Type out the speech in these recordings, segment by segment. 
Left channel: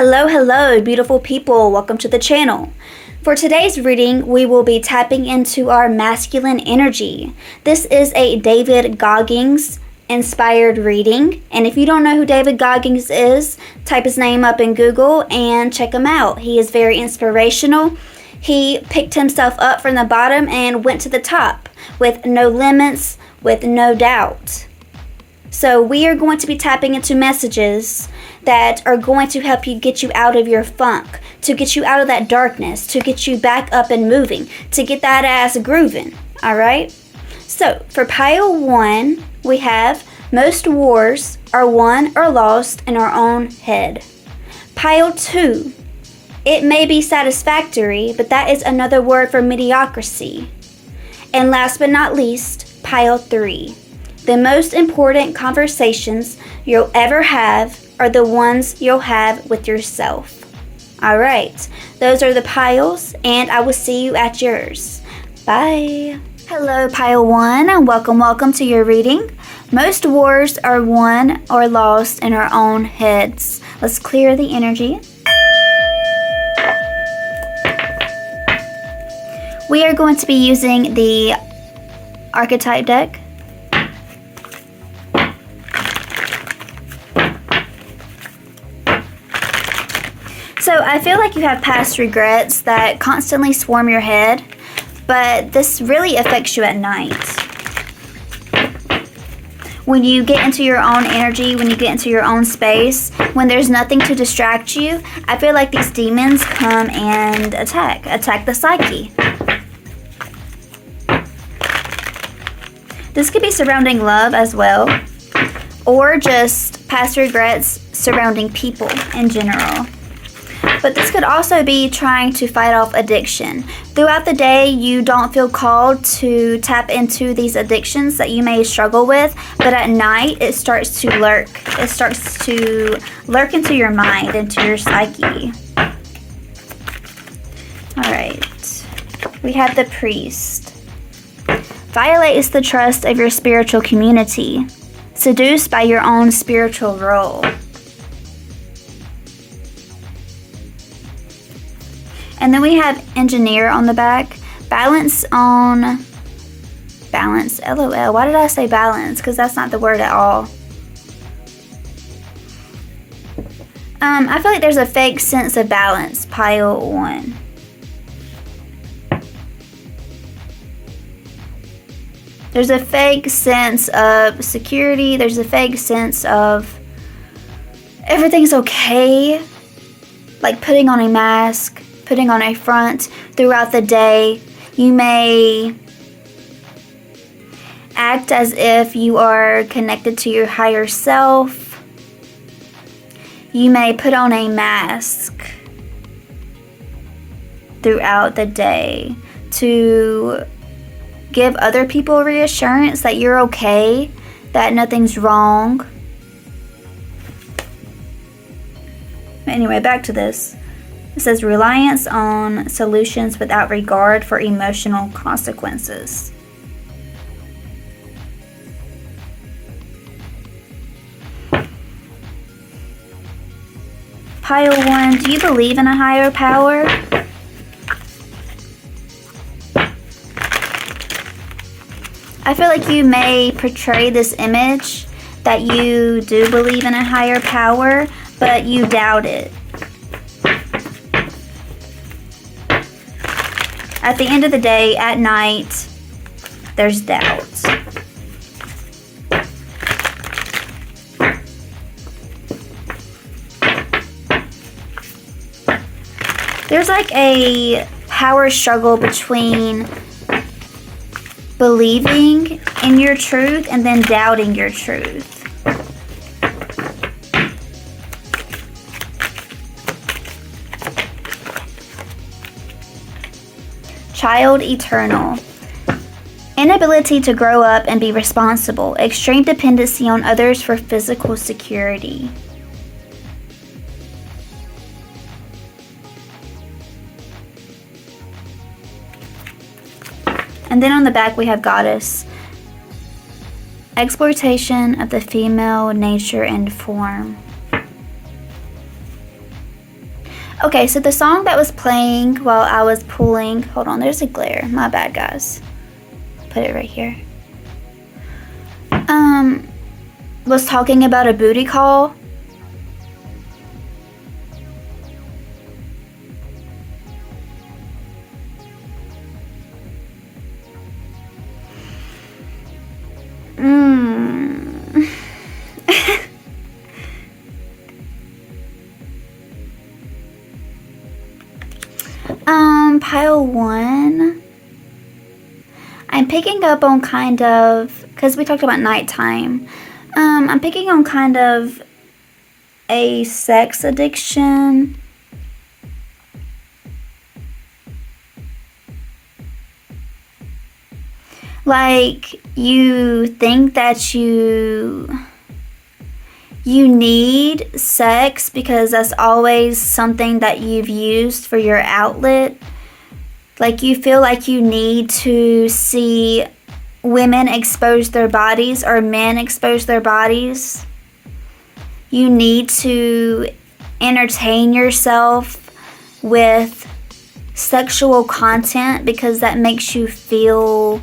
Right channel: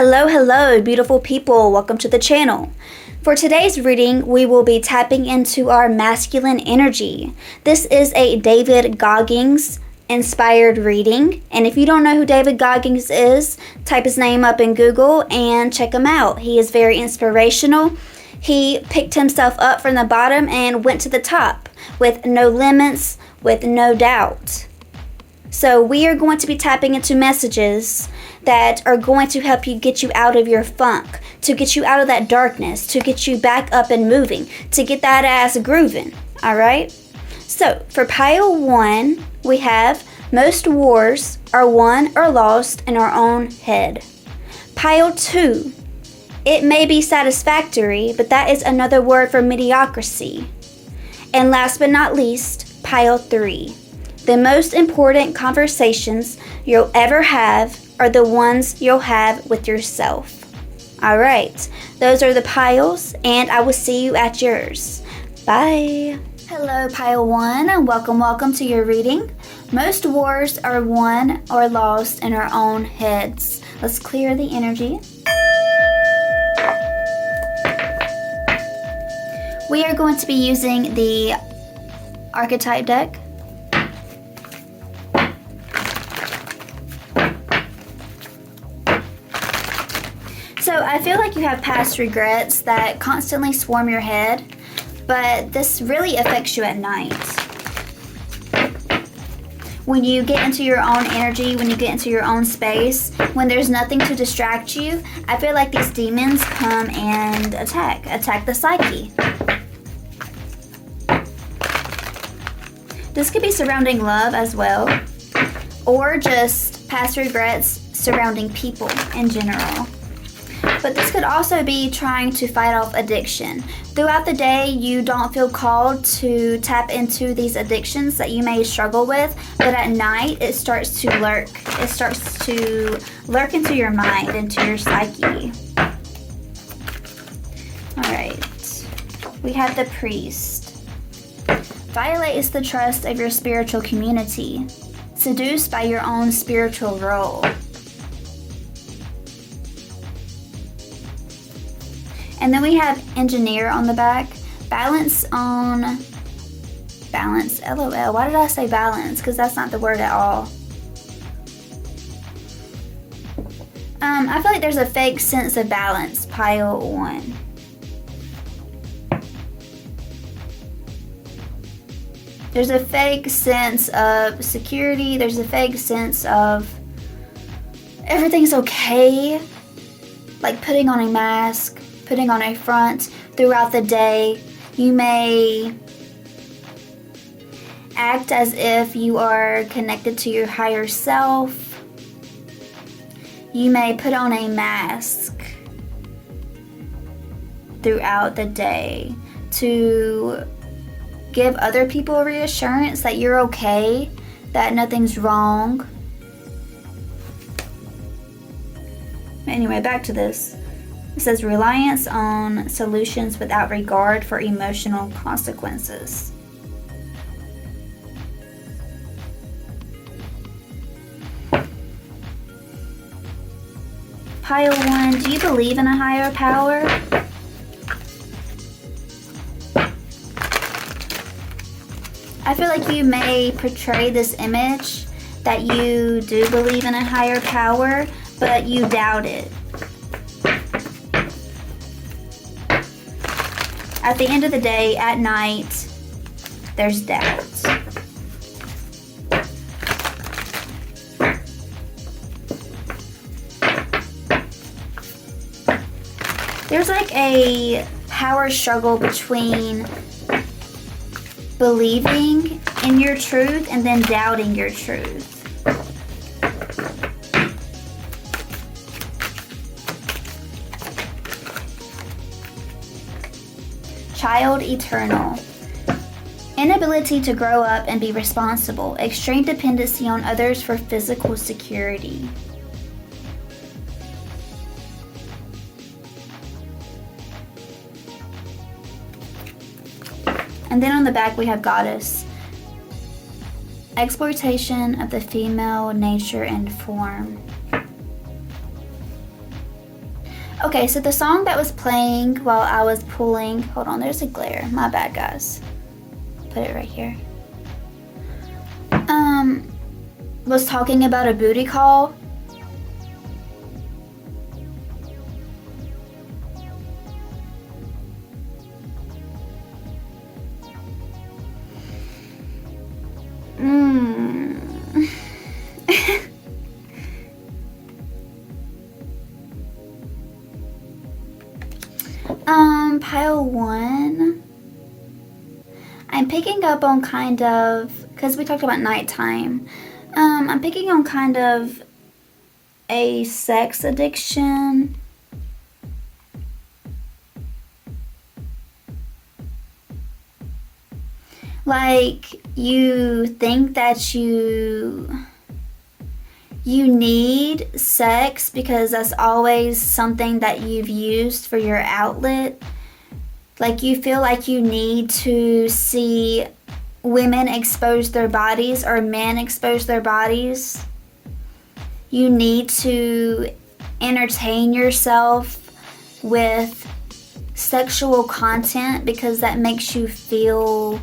Hello, beautiful people. Welcome to the channel. For today's reading, we will be tapping into our masculine energy. This is a David Goggins Inspired reading. And if you don't know who David Goggins is, type his name up in Google and check him out. He is very inspirational. He picked himself up from the bottom and went to the top with no limits, with no doubt. So we are going to be tapping into messages that are going to help you get you out of your funk, to get you out of that darkness, to get you back up and moving, to get that ass grooving, all right? So for pile 1, we have most wars are won or lost in our own head. Pile 2, it may be satisfactory, but that is another word for mediocrity. And last but not least, pile 3, the most important conversations you'll ever have are the ones you'll have with yourself. All right, those are the piles, and I will see you at yours. Bye. Hello, pile 1, and welcome to your reading. Most wars are won or lost in our own heads. Let's clear the energy. We are going to be using the Archetype deck. So I feel like you have past regrets that constantly swarm your head, but this really affects you at night. When you get into your own energy, when you get into your own space, when there's nothing to distract you, I feel like these demons come and attack the psyche. This could be surrounding love as well, or just past regrets surrounding people in general. But this could also be trying to fight off addiction. Throughout the day, you don't feel called to tap into these addictions that you may struggle with, but at night, it starts to lurk. It starts to lurk into your mind, into your psyche. All right, we have the priest. Violates the trust of your spiritual community. Seduced by your own spiritual role. And then we have engineer on the back. Balance, LOL. Why did I say balance? Because that's not the word at all. I feel like there's a fake sense of balance, pile 1. There's a fake sense of security. There's a fake sense of everything's okay. Like putting on a mask, putting on a front throughout the day. You may act as if you are connected to your higher self. You may put on a mask throughout the day to give other people reassurance that you're okay, that nothing's wrong. Anyway, back to this. It says reliance on solutions without regard for emotional consequences. Pile 1, do you believe in a higher power? I feel like you may portray this image that you do believe in a higher power, but you doubt it. At the end of the day, at night, there's doubt. There's like a power struggle between believing in your truth and then doubting your truth. Child eternal. Inability to grow up and be responsible. Extreme dependency on others for physical security. And then on the back we have goddess. Exploitation of the female nature and form. Okay, so the song that was playing while I was pulling, hold on, there's a glare. My bad, guys. Put it right here. Was talking about a booty call. Pile 1. I'm picking up on kind of, because we talked about nighttime. I'm picking on kind of a sex addiction. Like, you think that you need sex because that's always something that you've used for your outlet. Like, you feel like you need to see women expose their bodies or men expose their bodies. You need to entertain yourself with sexual content because that makes you feel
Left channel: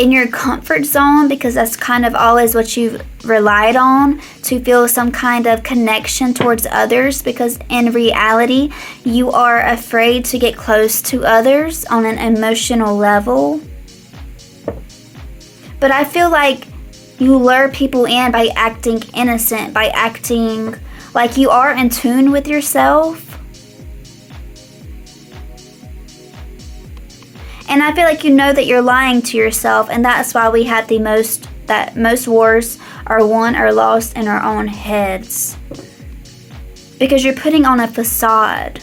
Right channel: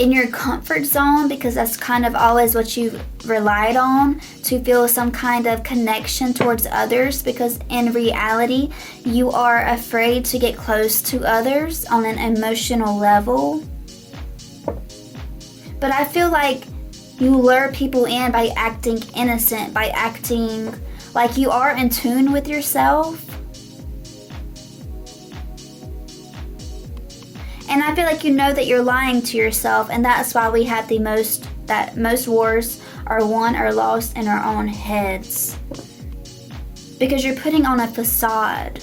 in your comfort zone, because that's kind of always what you've relied on to feel some kind of connection towards others, because in reality you are afraid to get close to others on an emotional level. But I feel like you lure people in by acting innocent, by acting like you are in tune with yourself. And I feel like you know that you're lying to yourself, and that's why we have most wars are won or lost in our own heads. Because you're putting on a facade.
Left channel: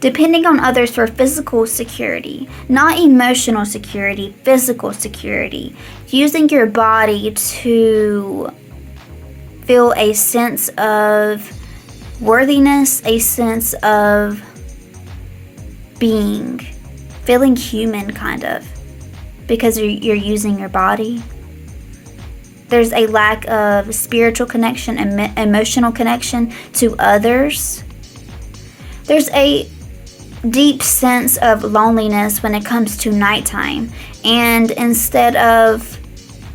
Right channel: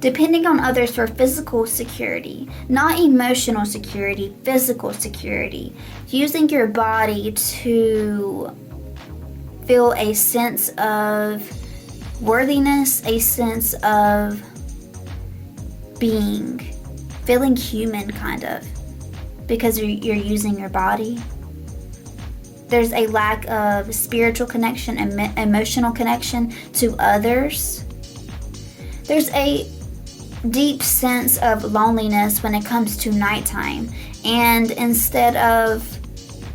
Depending on others for physical security, not emotional security, physical security. Using your body to feel a sense of worthiness, a sense of being, feeling human kind of, because you're using your body. There's a lack of spiritual connection and emotional connection to others. There's a deep sense of loneliness when it comes to nighttime, and instead of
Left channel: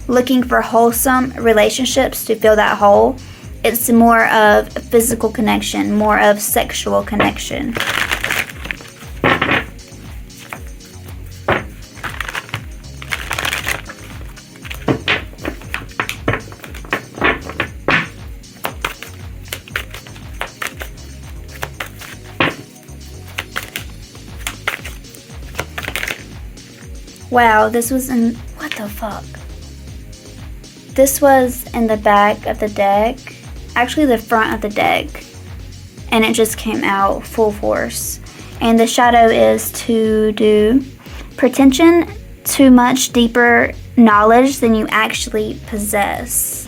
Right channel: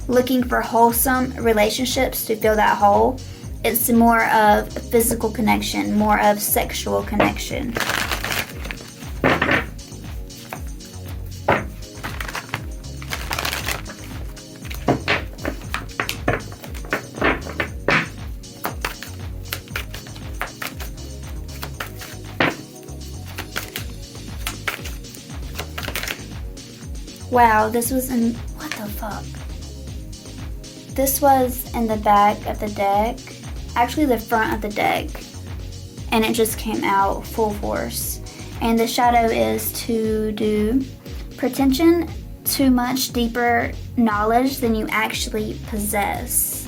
looking for wholesome relationships to fill that hole, it's more of physical connection, more of sexual connection. Wow, this was in, what the fuck? This was in the back of the deck, actually the front of the deck, and it just came out full force. And the shadow is to do pretension, too much deeper knowledge than you actually possess.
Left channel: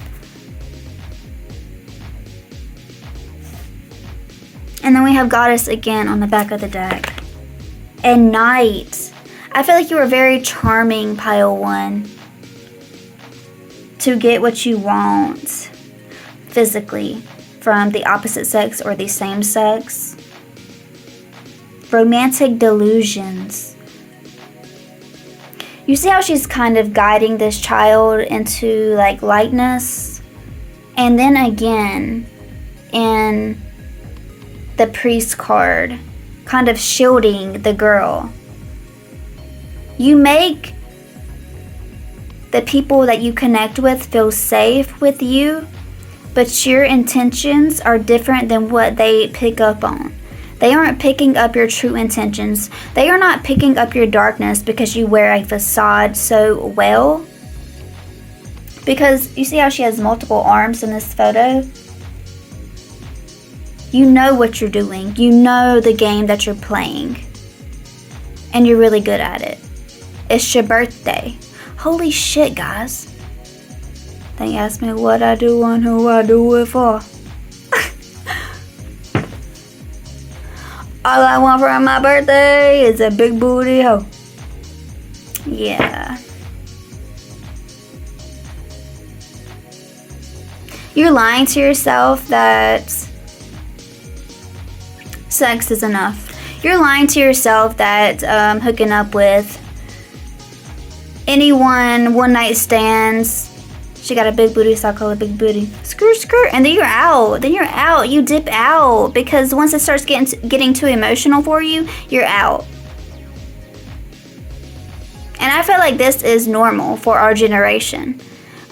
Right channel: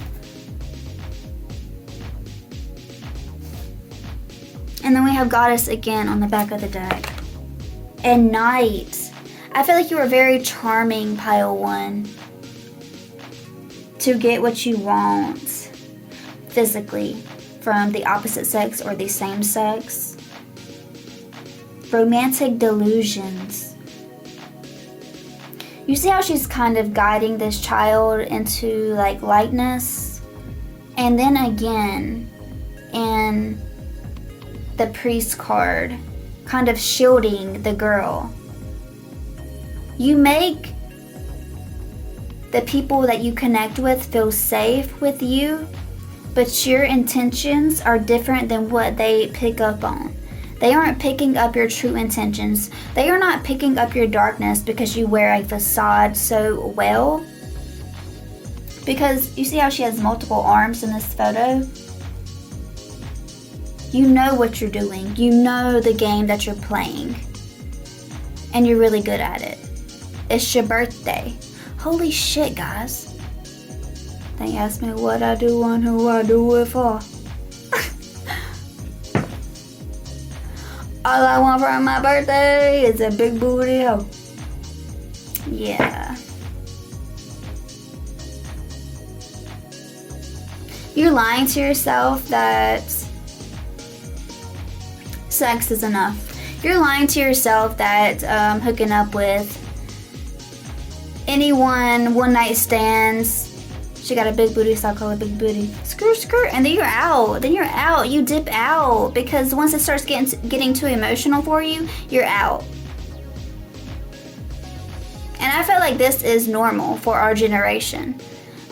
And then we have Goddess again on the back of the deck. And Night. I feel like you are very charming, pile 1. To get what you want physically from the opposite sex or the same sex. Romantic delusions. You see how she's kind of guiding this child into like lightness? And then again in the priest card, kind of shielding the girl. You make the people that you connect with feel safe with you, but your intentions are different than what they pick up on. They aren't picking up your true intentions. They are not picking up your darkness because you wear a facade so well. Because you see how she has multiple arms in this photo? You know what you're doing. You know the game that you're playing. And you're really good at it. It's your birthday. Holy shit, guys. They asked me what I do and who I do it for. All I want for my birthday is a big booty hoe. Yeah. You're lying to yourself that sex is enough. You're lying to yourself that hooking up with anyone, one night stands, she got a big booty, so I call it big booty, skirt skirt, and then you're out. You dip out, because once it starts getting too emotional for you, you're out. And I feel like this is normal for our generation.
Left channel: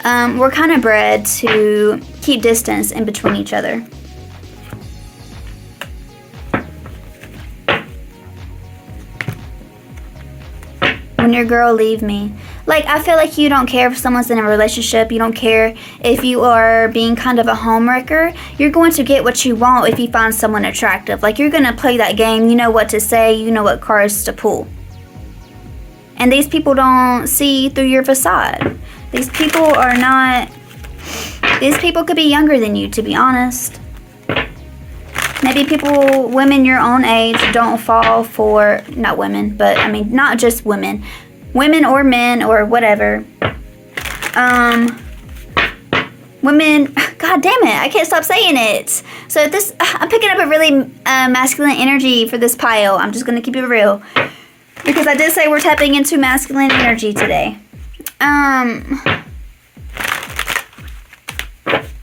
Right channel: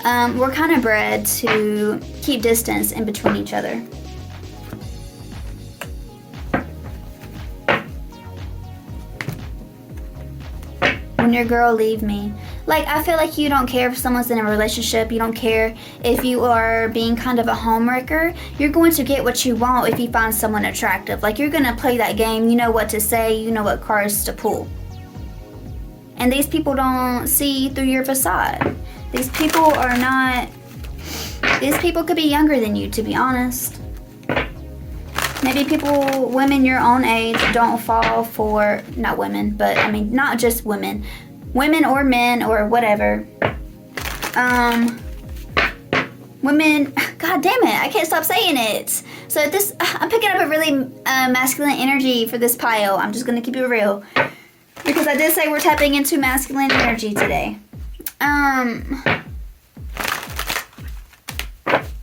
We're kind of bred to keep distance in between each other. When your girl leave me. Like, I feel like you don't care if someone's in a relationship. You don't care if you are being kind of a homewrecker. You're going to get what you want if you find someone attractive. Like, you're going to play that game. You know what to say. You know what cards to pull. And these people don't see through your facade. These people are not... These people could be younger than you, to be honest. Maybe women your own age don't fall for... Not women, but I mean, not just women. Women or men or whatever. Women... God damn it, I can't stop saying it. So I'm picking up a really masculine energy for this pile. I'm just going to keep it real. Because I did say we're tapping into masculine energy today.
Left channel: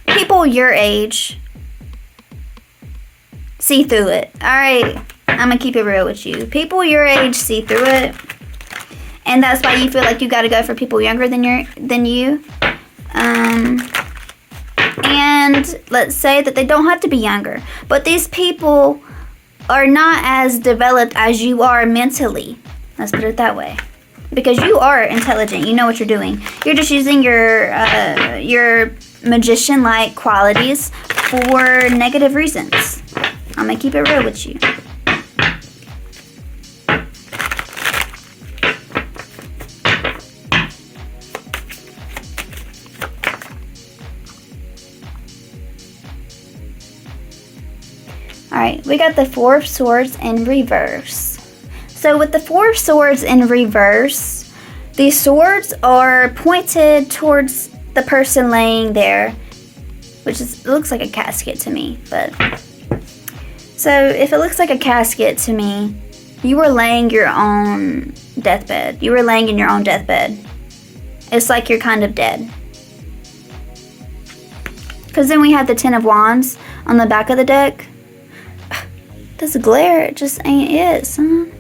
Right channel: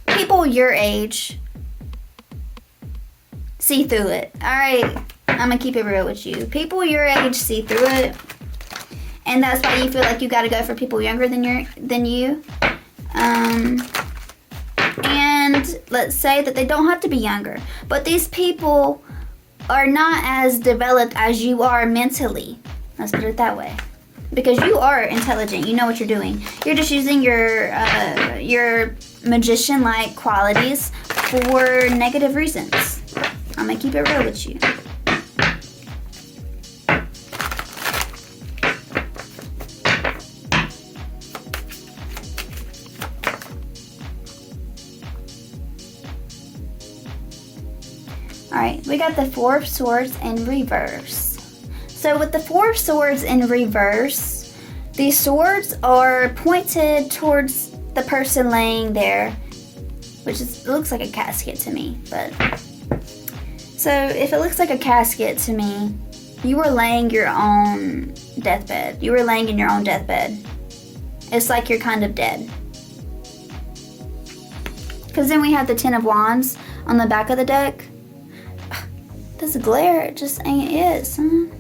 People your age see through it. Alright, I'm gonna keep it real with you. People your age see through it. And that's why you feel like you gotta go for people younger than you. And let's say that they don't have to be younger. But these people are not as developed as you are mentally. Let's put it that way. Because you are intelligent. You know what you're doing. You're just using your magician-like qualities for negative reasons. I'm going to keep it real with you. Alright, we got the Four of Swords in reverse. So with the Four of Swords in reverse, these swords are pointed towards the person laying there, which it looks like a casket to me. But so if it looks like a casket to me, you were laying your own deathbed. You were laying in your own deathbed. It's like you're kind of dead. Because then we have the Ten of Wands on the back of the deck. This glare, it just ain't it, son.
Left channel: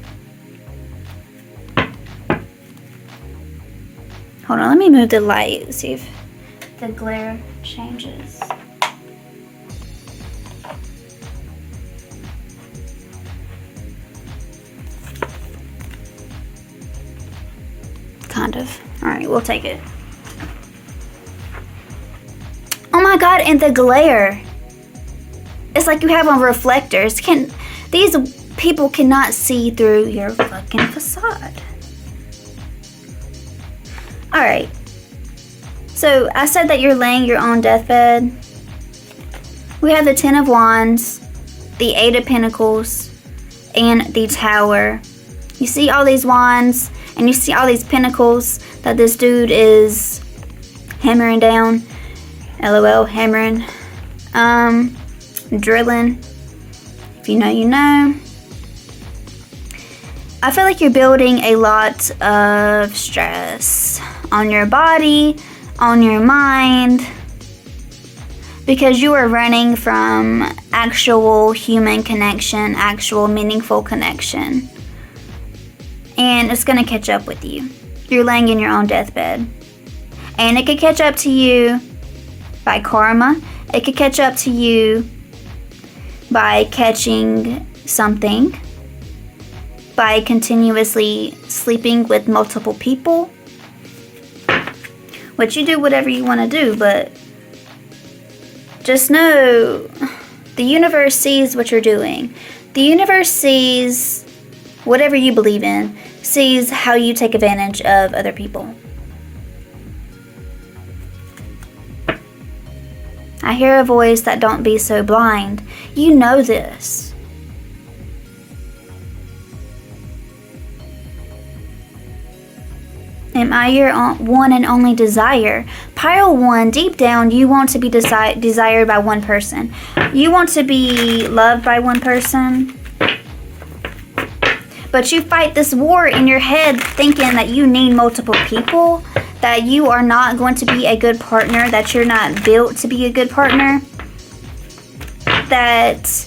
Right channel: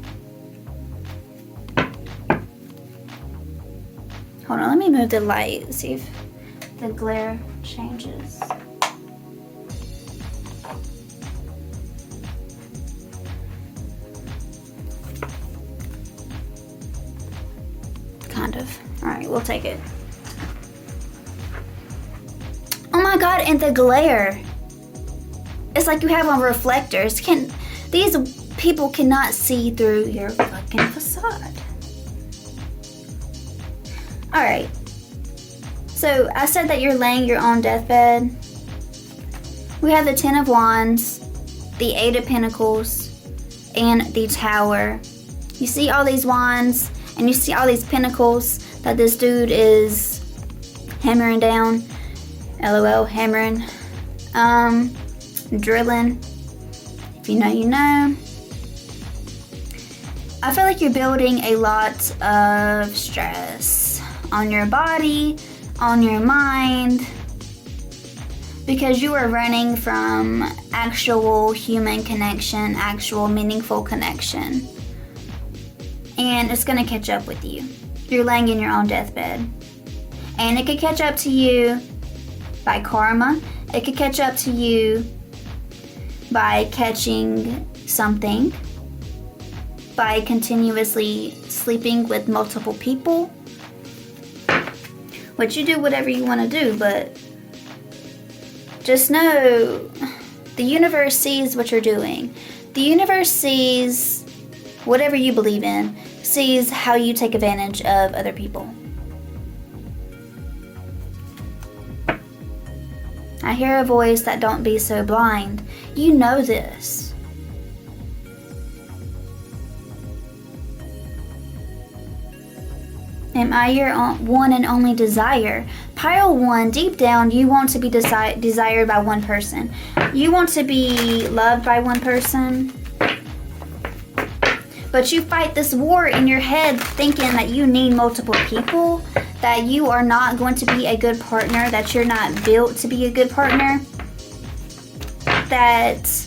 Hold on, let me move the light, see if the glare changes. Kind of. Alright, we'll take it. Oh my god, and the glare. It's like you have on reflectors. These people cannot see through your fucking facade. Alright. So, I said that you're laying your own deathbed. We have the Ten of Wands, the Eight of Pentacles, and the Tower. You see all these wands, and you see all these pentacles that this dude is hammering down. LOL, hammering. Drilling. If you know, you know. I feel like you're building a lot of stress on your body, on your mind, because you are running from actual human connection, actual meaningful connection. And it's going to catch up with you. You're laying in your own deathbed. And it could catch up to you by karma. It could catch up to you by catching something, by continuously sleeping with multiple people, which you do whatever you want to do, but just know the universe sees what you're doing. The universe sees whatever you believe in, sees how you take advantage of other people. I hear a voice that don't be so blind. You know this. Am I your one and only desire? Pile 1, deep down, you want to be desired by one person. You want to be loved by one person. But you fight this war in your head thinking that you need multiple people, that you are not going to be a good partner, that you're not built to be a good partner, that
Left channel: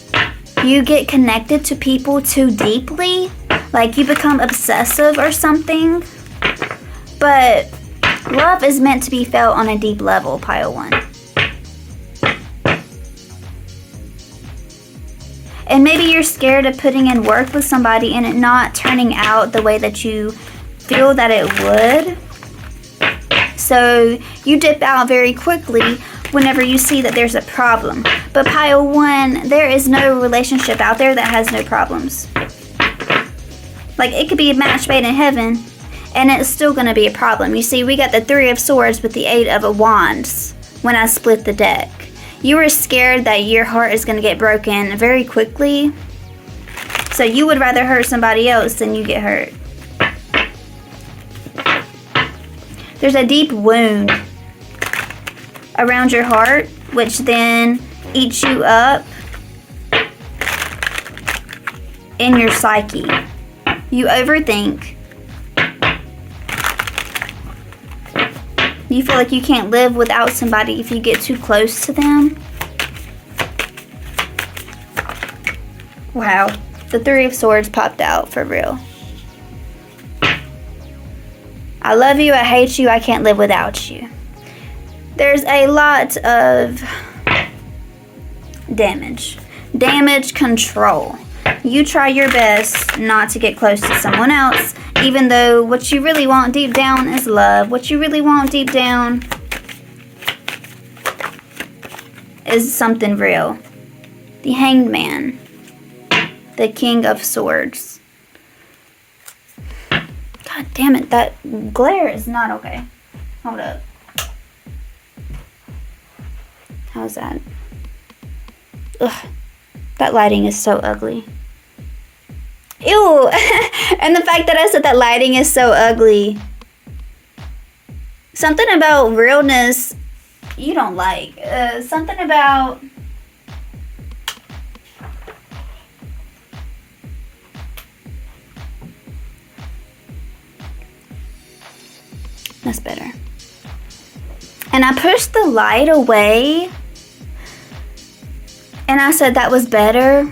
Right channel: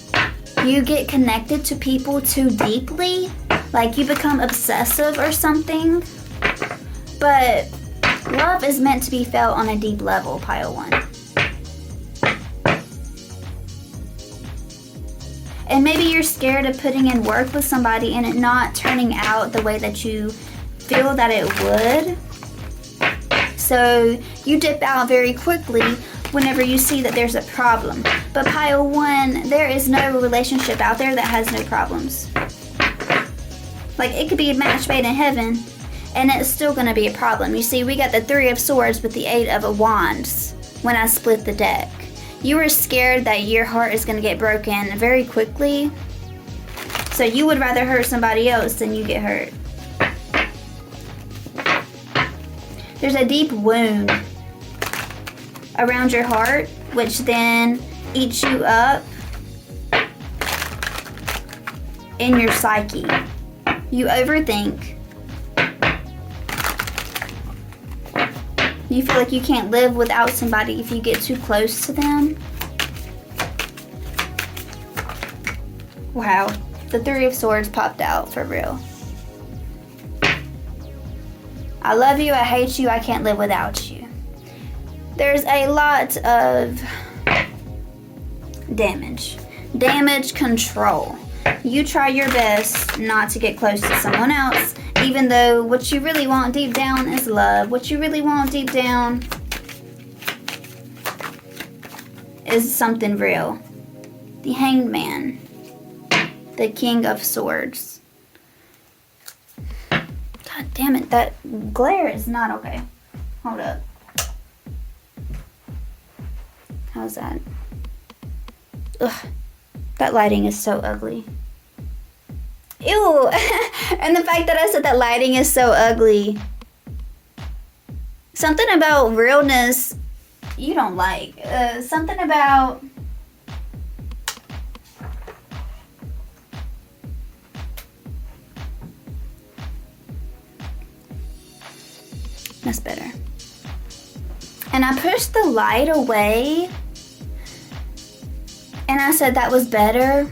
you get connected to people too deeply, like you become obsessive or something. But love is meant to be felt on a deep level, pile 1. And maybe you're scared of putting in work with somebody and it not turning out the way that you feel that it would. So you dip out very quickly whenever you see that there's a problem. But pile 1, there is no relationship out there that has no problems. Like, it could be a match made in heaven, and it's still going to be a problem. You see, we got the 3 of Swords with the 8 of Wands when I split the deck. You were scared that your heart is going to get broken very quickly, so you would rather hurt somebody else than you get hurt. There's a deep wound around your heart, which then eats you up in your psyche. You overthink. You feel like you can't live without somebody if you get too close to them. Wow, the 3 of Swords popped out for real. I love you, I hate you, I can't live without you. There's a lot of damage. Damage control. You try your best not to get close to someone else, even though what you really want deep down is love. What you really want deep down is something real. The Hanged Man. The King of Swords. God damn it, that glare is not okay. Hold up. How's that? Ugh. That lighting is so ugly. Ew! And the fact that I said that lighting is so ugly. Something about realness you don't like. Something about... That's better. And I pushed the light away. And I said that was better.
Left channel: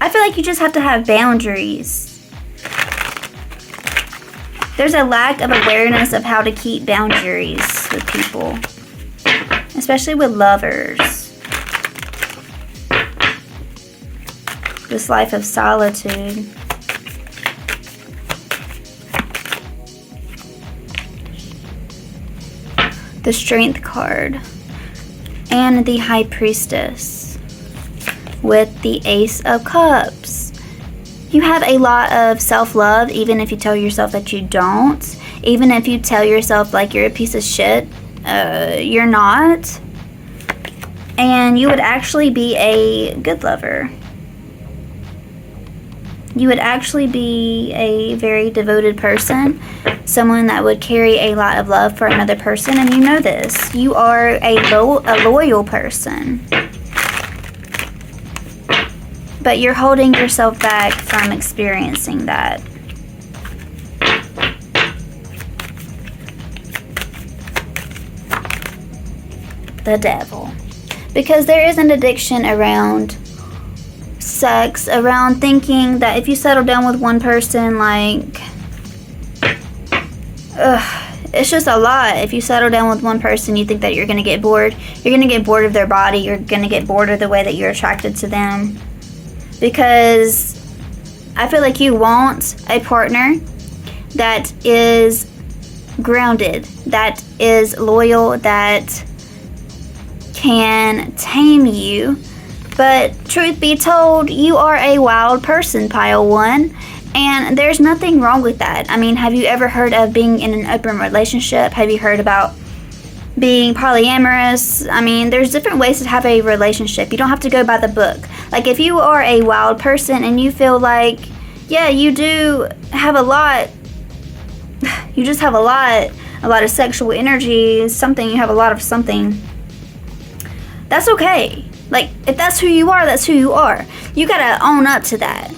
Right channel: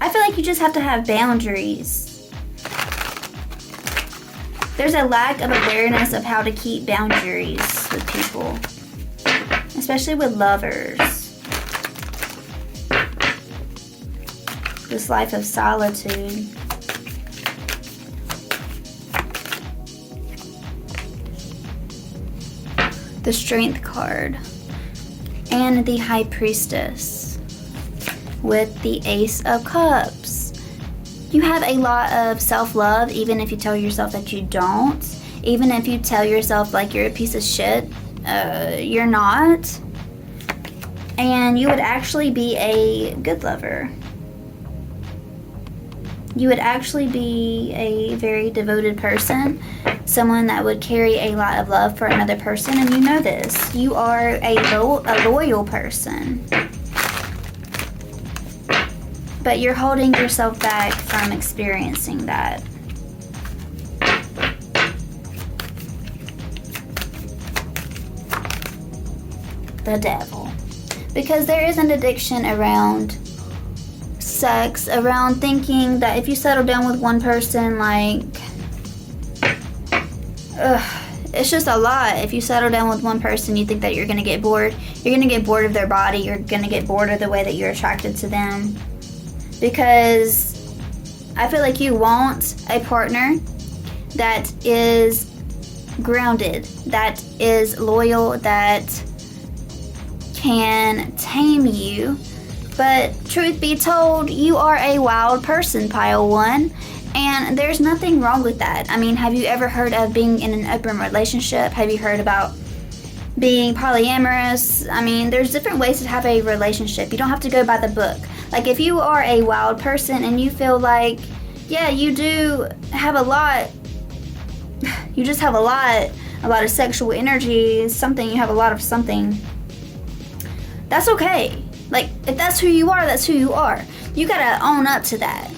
I feel like you just have to have boundaries. There's a lack of awareness of how to keep boundaries with people, especially with lovers. This life of solitude. The Strength card. And the High Priestess with the Ace of Cups. You have a lot of self-love, even if you tell yourself that you don't. Even if you tell yourself like you're a piece of shit, you're not. And you would actually be a good lover. You would actually be a very devoted person. Someone that would carry a lot of love for another person, and you know this. You are a loyal person. But you're holding yourself back from experiencing that. The Devil. Because there is an addiction around sex, around thinking that if you settle down with one person, like... it's just a lot. If you settle down with one person, you think that you're going to get bored. You're going to get bored of their body. You're going to get bored of the way that you're attracted to them. Because I feel like you want a partner that is grounded, that is loyal, that can tame you. But truth be told, you are a wild person, pile 1. And there's nothing wrong with that. I mean, have you ever heard of being in an open relationship? Have you heard about being polyamorous? I mean, there's different ways to have a relationship. You don't have to go by the book. Like, if you are a wild person and you feel like Yeah, you do have a lot. You just have a lot of sexual energy, something, you have a lot of something. That's okay. Like, if that's who you are, that's who you are. You gotta own up to that.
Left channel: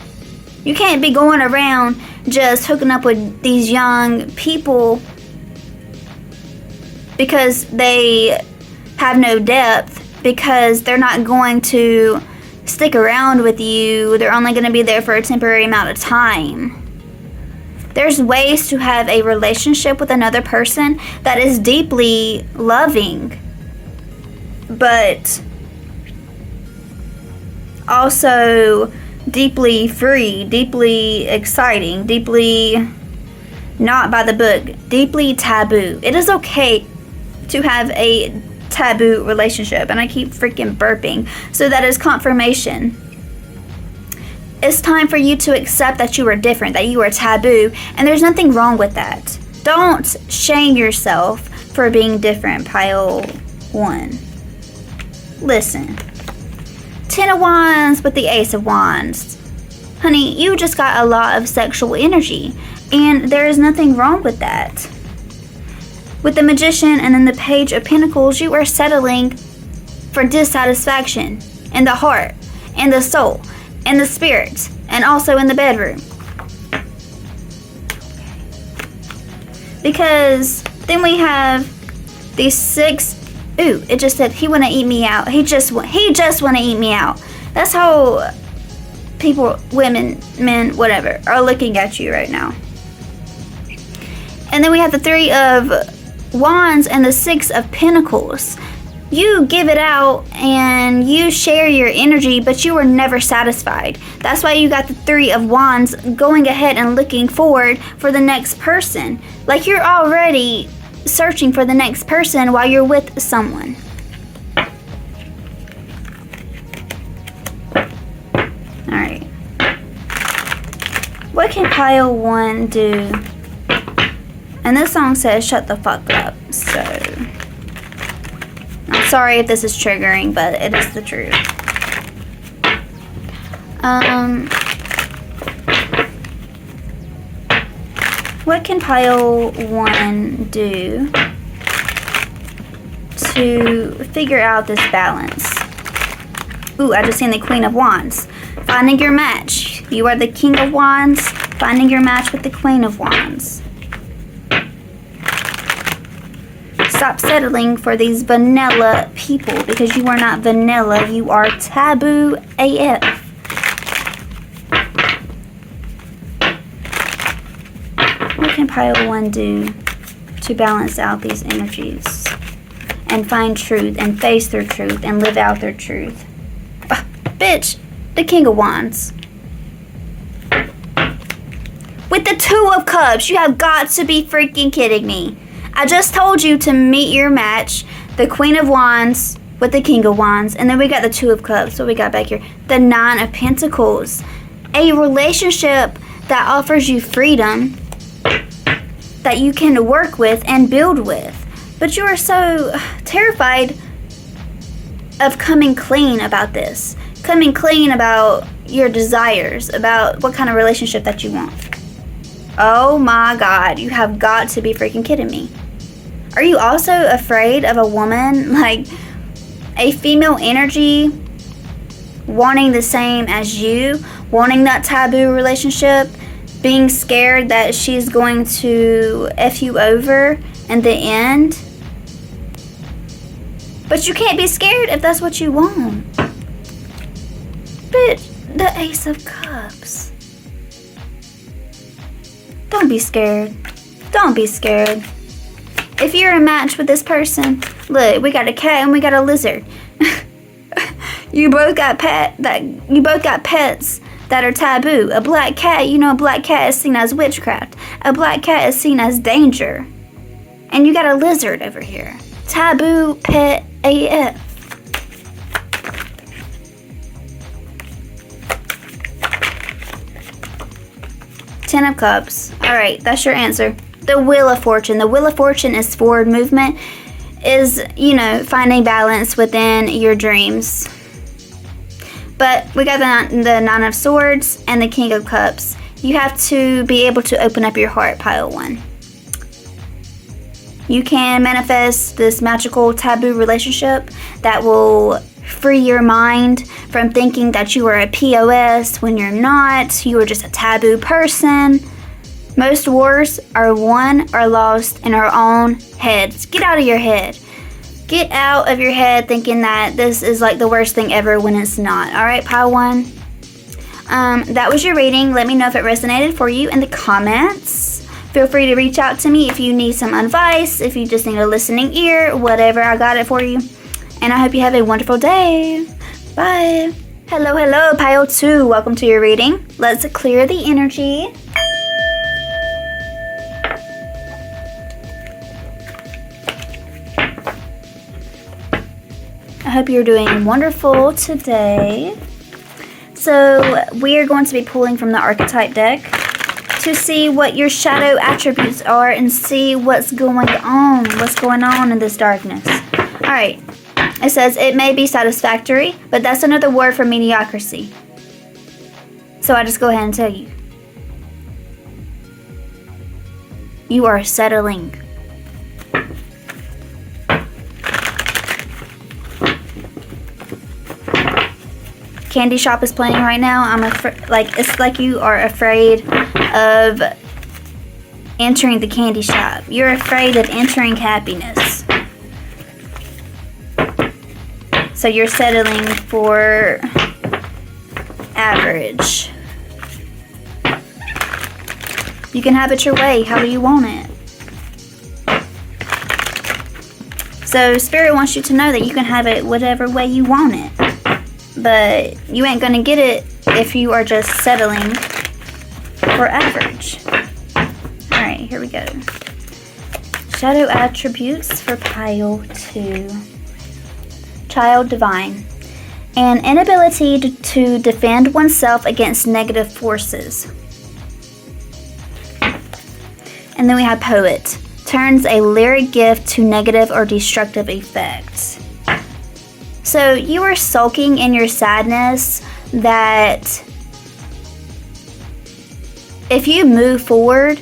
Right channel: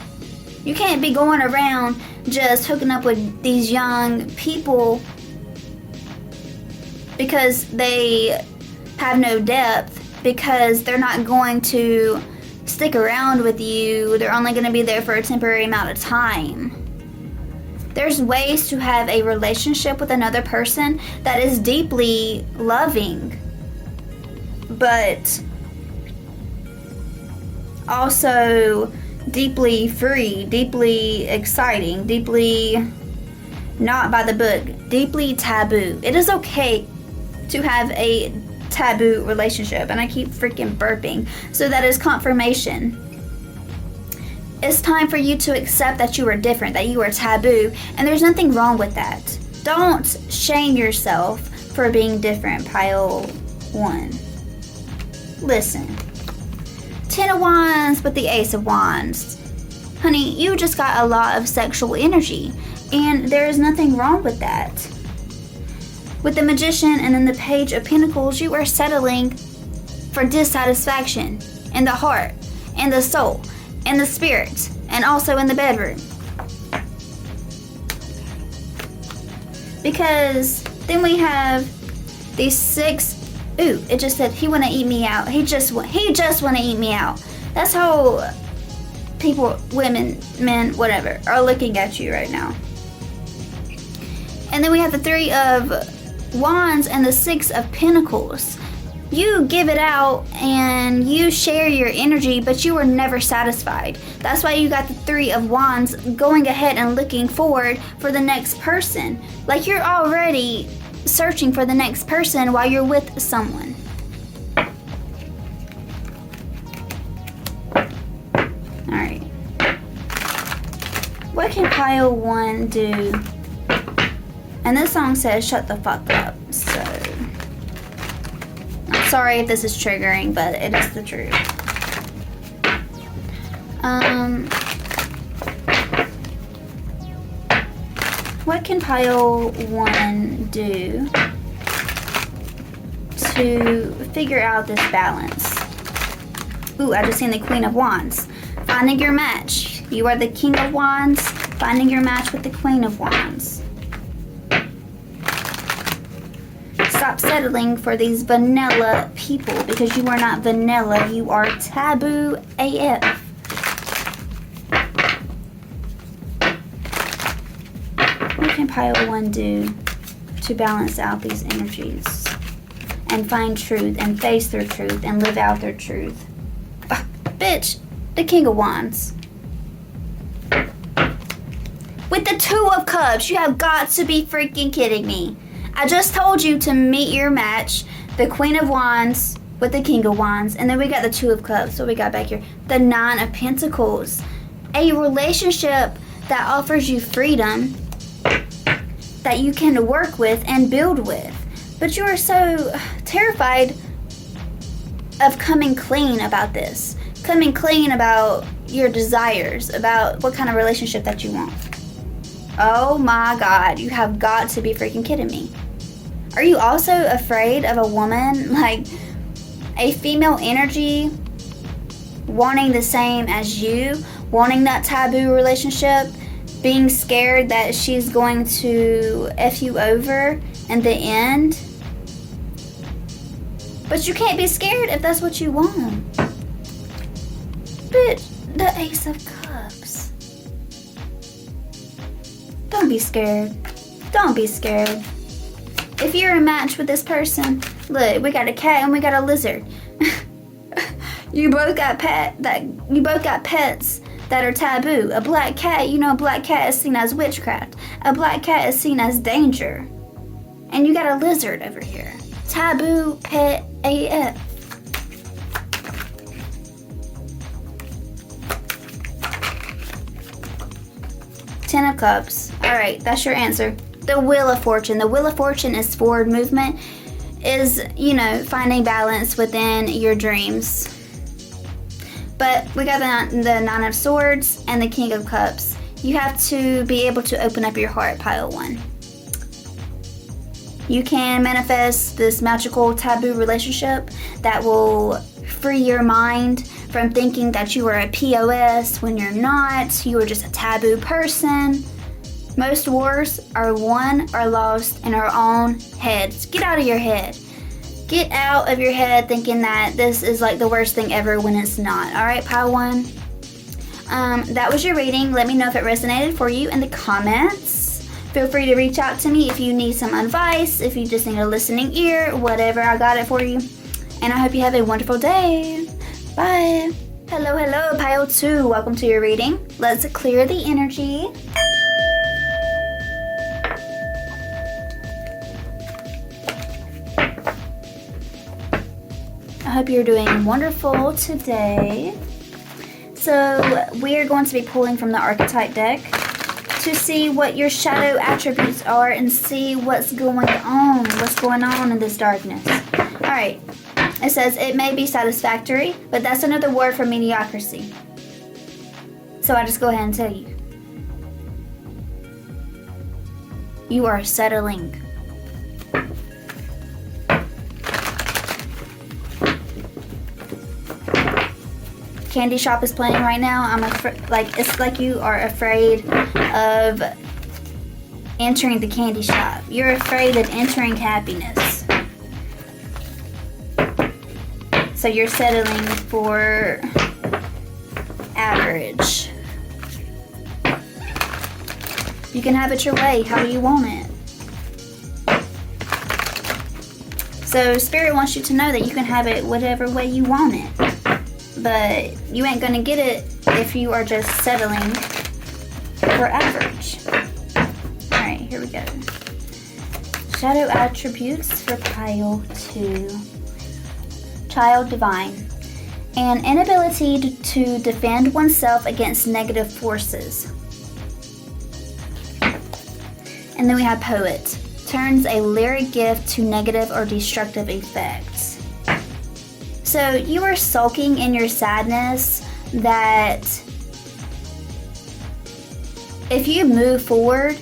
You can't be going around just hooking up with these young people because they have no depth, because they're not going to stick around with you. They're only going to be there for a temporary amount of time. There's ways to have a relationship with another person that is deeply loving, but also deeply free, deeply exciting, deeply not by the book, deeply taboo. It is okay to have a taboo relationship, and I keep freaking burping, so that is confirmation. It's time for you to accept that you are different, that you are taboo, and there's nothing wrong with that. Don't shame yourself for being different, pile 1. Listen. 10 of Wands with the Ace of Wands. Honey, you just got a lot of sexual energy, and there is nothing wrong with that. With the Magician and then the Page of Pentacles, you are settling for dissatisfaction in the heart, in the soul, in the spirit, and also in the bedroom. Because then we have these 6. Ooh, it just said he wanna eat me out. He just wanna eat me out. That's how people, women, men, whatever, are looking at you right now. And then we have the 3 of Wands and the 6 of Pentacles. You give it out and you share your energy, but you are never satisfied. That's why you got the 3 of Wands going ahead and looking forward for the next person. Like, you're already searching for the next person while you're with someone. Alright. What can pile 1 do? And this song says shut the fuck up, so I'm sorry if this is triggering, but it is the truth. What can pile 1 do to figure out this balance? Ooh, I just seen the Queen of Wands. Finding your match. You are the King of Wands, finding your match with the Queen of Wands. Stop settling for these vanilla people, because you are not vanilla, you are taboo AF. What can pile 1 do to balance out these energies and find truth and face their truth and live out their truth? Bitch, the King of Wands. With the 2 of Cups, you have got to be freaking kidding me. I just told you to meet your match, the Queen of Wands with the King of Wands, and then we got the 2 of Cups. What we got back here? The 9 of Pentacles. A relationship that offers you freedom that you can work with and build with. But you are so terrified of coming clean about this. Coming clean about your desires, about what kind of relationship that you want. Oh my God, you have got to be freaking kidding me. Are you also afraid of a woman, like a female energy, wanting the same as you, wanting that taboo relationship, being scared that she's going to F you over in the end? But you can't be scared if that's what you want. But the Ace of Cups. Don't be scared. Don't be scared. If you're a match with this person, look, we got a cat and we got a lizard. You both got pets that are taboo. A black cat, you know, a black cat is seen as witchcraft. A black cat is seen as danger. And you got a lizard over here. Taboo pet AF. Ten of Cups. Alright, that's your answer. The Wheel of Fortune. The Wheel of Fortune is forward movement, is, you know, finding balance within your dreams. But we got the 9 of Swords and the King of Cups. You have to be able to open up your heart, pile 1. You can manifest this magical taboo relationship that will free your mind from thinking that you are a POS when you're not. You are just a taboo person. Most wars are won or lost in our own heads. Get out of your head. Get out of your head thinking that this is like the worst thing ever when it's not. All right, pile 1. That was your reading. Let me know if it resonated for you in the comments. Feel free to reach out to me if you need some advice, if you just need a listening ear, whatever, I got it for you. And I hope you have a wonderful day. Bye. Hello, pile 2. Welcome to your reading. Let's clear the energy. I hope you're doing wonderful today. So we are going to be pulling from the Archetype deck to see what your shadow attributes are and see what's going on in this darkness. All right, it says it may be satisfactory, but that's another word for mediocrity. So I just go ahead and tell you. You are settling. Cashapp is playing right now. It's like you are afraid of entering the candy shop. You're afraid of entering happiness. So you're settling for average. You can have it your way, how you want it. So Spirit wants you to know that you can have it whatever way you want it. But you ain't gonna get it if you are just settling for average. Alright, here we go. Shadow attributes for pile 2. Child divine. An inability to defend oneself against negative forces. And then we have poet. Turns a lyric gift to negative or destructive effects. So you are sulking in your sadness that if you move forward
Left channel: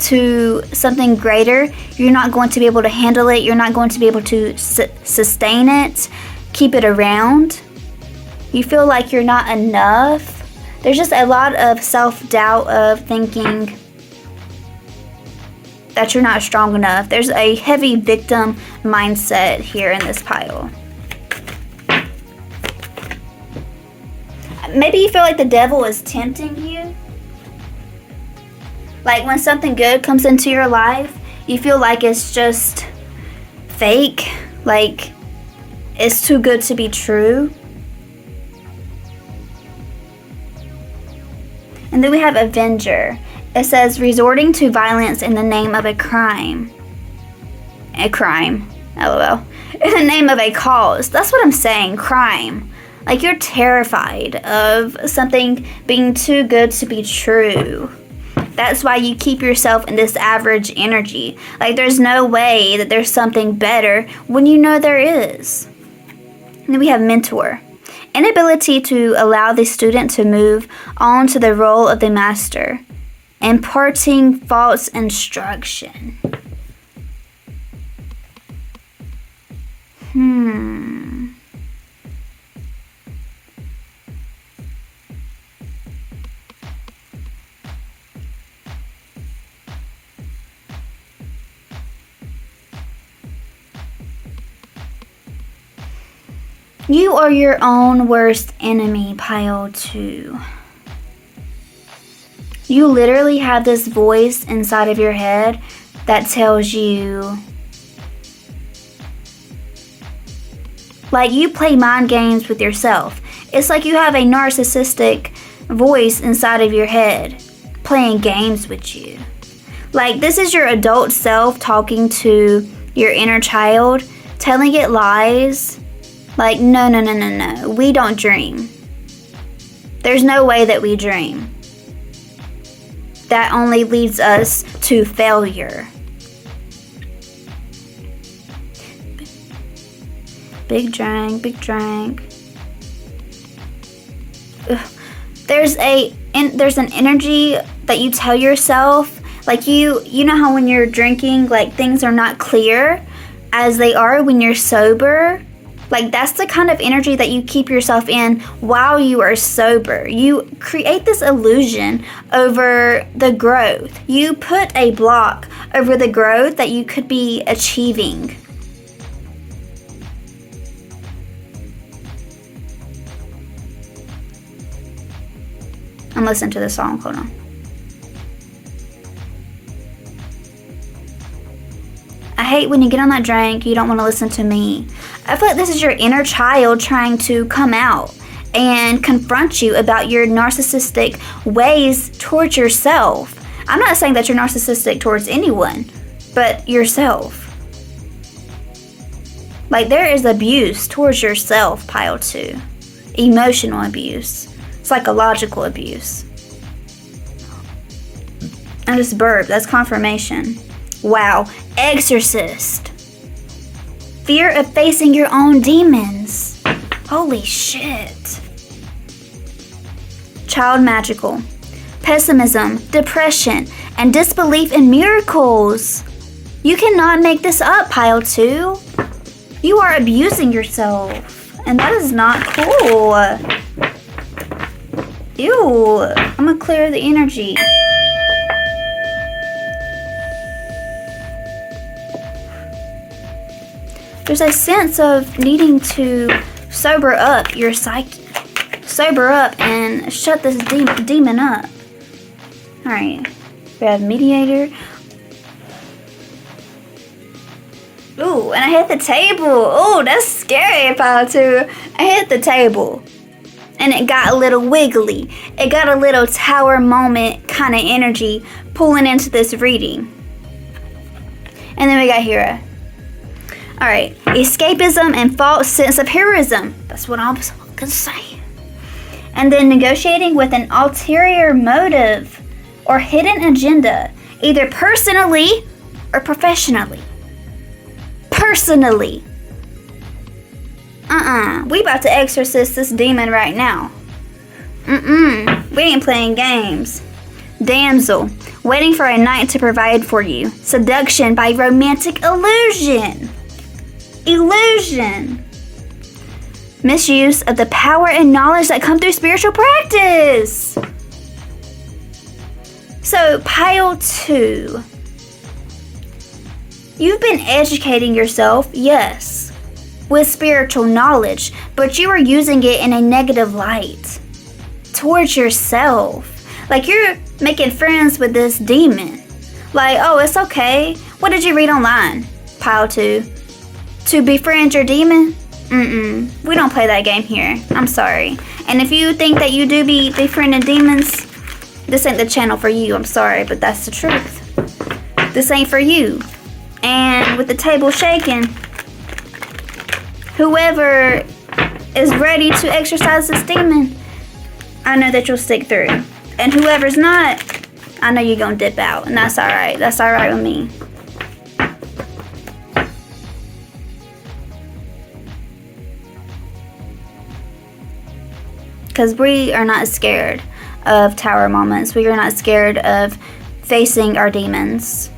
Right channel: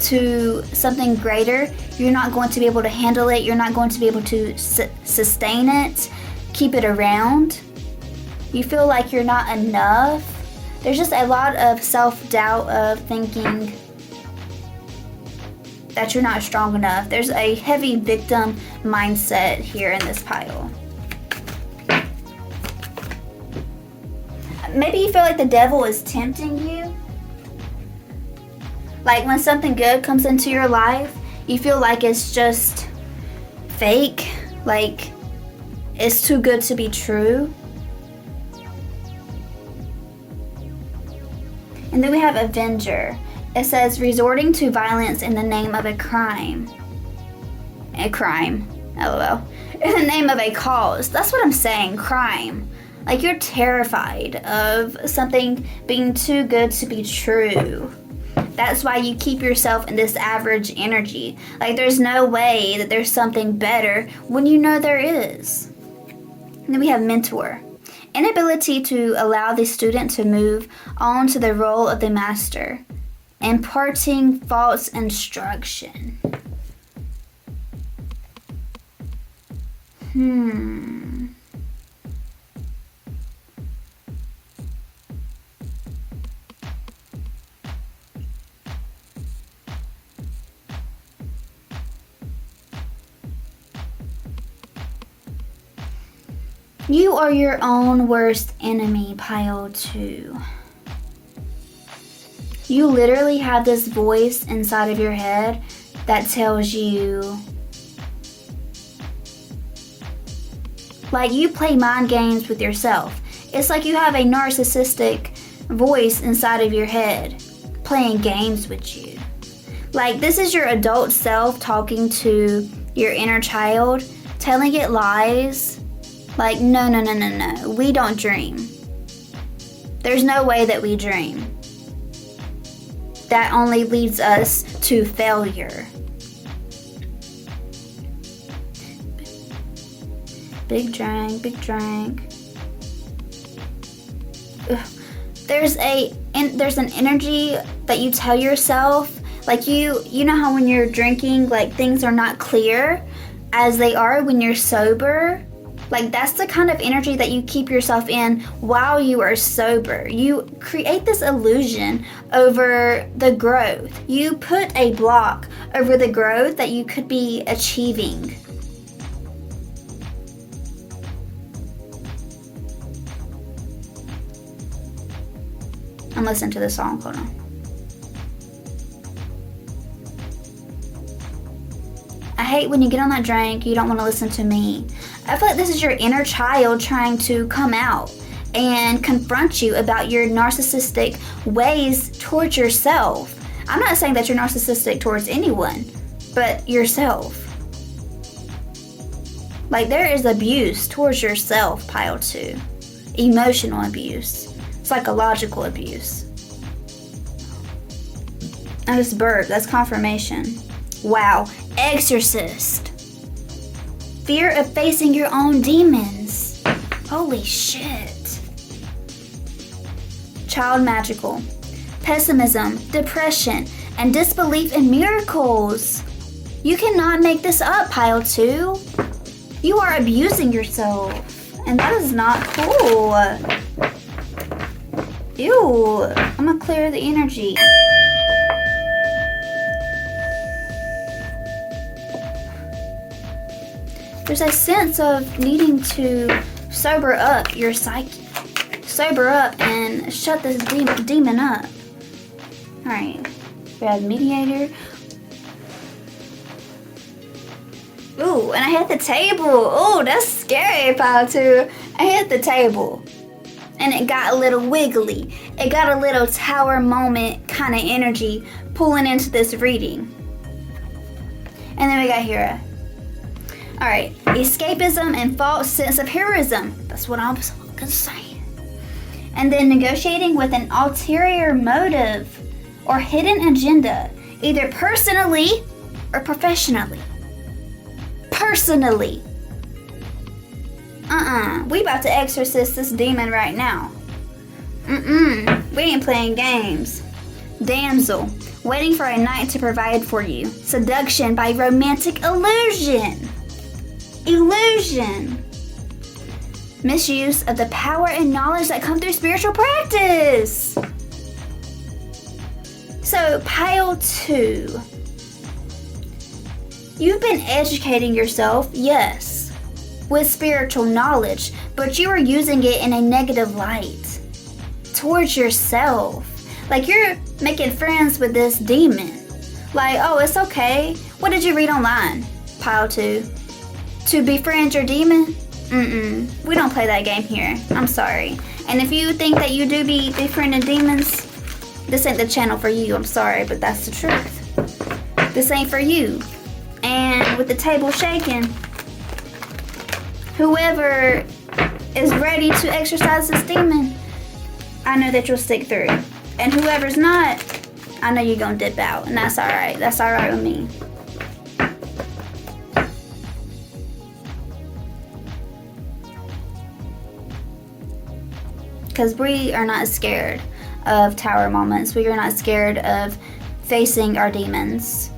to something greater, you're not going to be able to handle it. You're not going to be able to sustain it, keep it around. You feel like you're not enough. There's just a lot of self-doubt of thinking that you're not strong enough. There's a heavy victim mindset here in this pile. Maybe you feel like the devil is tempting you. Like when something good comes into your life, you feel like it's just fake. Like it's too good to be true. And then we have Avenger. It says resorting to violence in the name of a crime. A crime. LOL. In the name of a cause. That's what I'm saying. Crime. Like you're terrified of something being too good to be true. That's why you keep yourself in this average energy. Like there's no way that there's something better when you know there is. And then we have mentor. Inability to allow the student to move on to the role of the master. Imparting false instruction. You are your own worst enemy, pile 2. You literally have this voice inside of your head that tells you, like you play mind games with yourself. It's like you have a narcissistic voice inside of your head playing games with you. Like this is your adult self talking to your inner child, telling it lies. Like, no, we don't dream. There's no way that we dream. That only leads us to failure. Big drink. Ugh. There's a there's an energy that you tell yourself, like you know how when you're drinking, like things are not clear as they are when you're sober. Like that's the kind of energy that you keep yourself in while you are sober. You create this illusion over the growth. You put a block over the growth that you could be achieving. I'm listening to the song, hold on. I hate when you get on that drink, you don't want to listen to me. I feel like this is your inner child trying to come out and confront you about your narcissistic ways towards yourself. I'm not saying that you're narcissistic towards anyone, but yourself. Like there is abuse towards yourself, pile 2. Emotional abuse. Psychological abuse. I just burped. That's confirmation. Wow. Exorcist. Fear of facing your own demons. Holy shit. Child magical. Pessimism, depression, and disbelief in miracles. You cannot make this up, pile 2. You are abusing yourself. And that is not cool. Ew. I'm gonna clear the energy. There's a sense of needing to sober up your psyche. Sober up and shut this demon up. Alright. We have mediator. Ooh, and I hit the table. Ooh, that's scary, pile 2. I hit the table. And it got a little wiggly. It got a little tower moment kind of energy pulling into this reading. And then we got Hera. Alright, escapism and false sense of heroism. That's what I was gonna say. And then negotiating with an ulterior motive or hidden agenda, either personally or professionally. Personally. We about to exorcist this demon right now. We ain't playing games. Damsel, waiting for a knight to provide for you. Seduction by romantic illusion. Illusion. Misuse of the power and knowledge that come through spiritual practice. So, pile 2. You've been educating yourself, yes, with spiritual knowledge, but you are using it in a negative light towards yourself. Like you're making friends with this demon. Like, oh, it's okay. What did you read online, pile 2? To befriend your demon? We don't play that game here. I'm sorry. And if you think that you do be befriending demons, this ain't the channel for you. I'm sorry, but that's the truth. This ain't for you. And with the table shaking, whoever is ready to exercise this demon, I know that you'll stick through. And whoever's not, I know you're gonna dip out. And that's alright. That's alright with me. Because we are not scared of tower moments. We are not scared of facing our demons.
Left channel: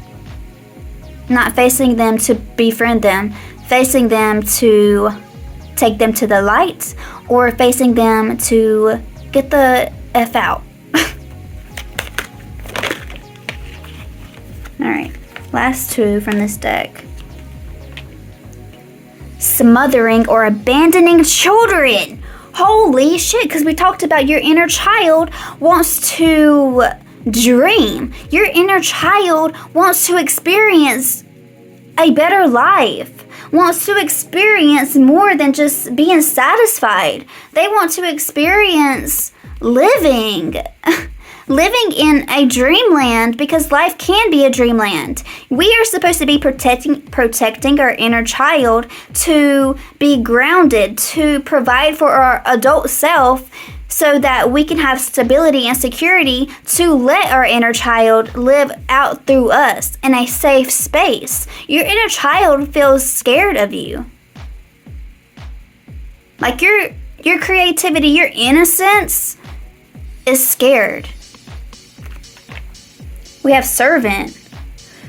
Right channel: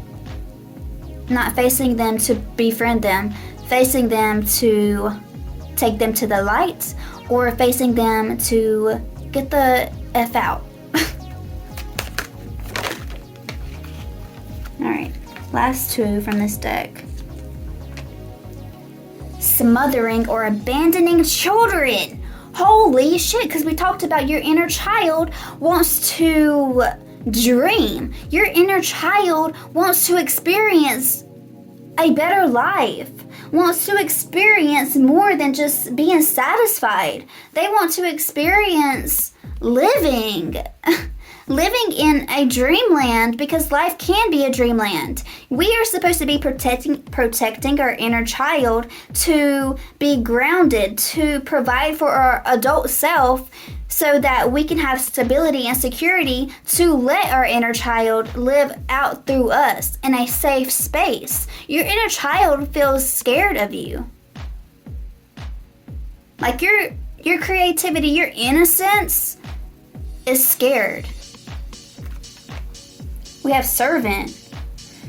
Not facing them to befriend them. Facing them to take them to the light. Or facing them to get the F out. Alright, last 2 from this deck. Smothering or abandoning children. Holy shit, because we talked about your inner child wants to dream. Your inner child wants to experience a better life. Wants to experience more than just being satisfied. They want to experience living. Living in a dreamland, because life can be a dreamland. We are supposed to be protecting our inner child, to be grounded, to provide for our adult self so that we can have stability and security to let our inner child live out through us in a safe space. Your inner child feels scared of you. Like your creativity, your innocence is scared. We have servant,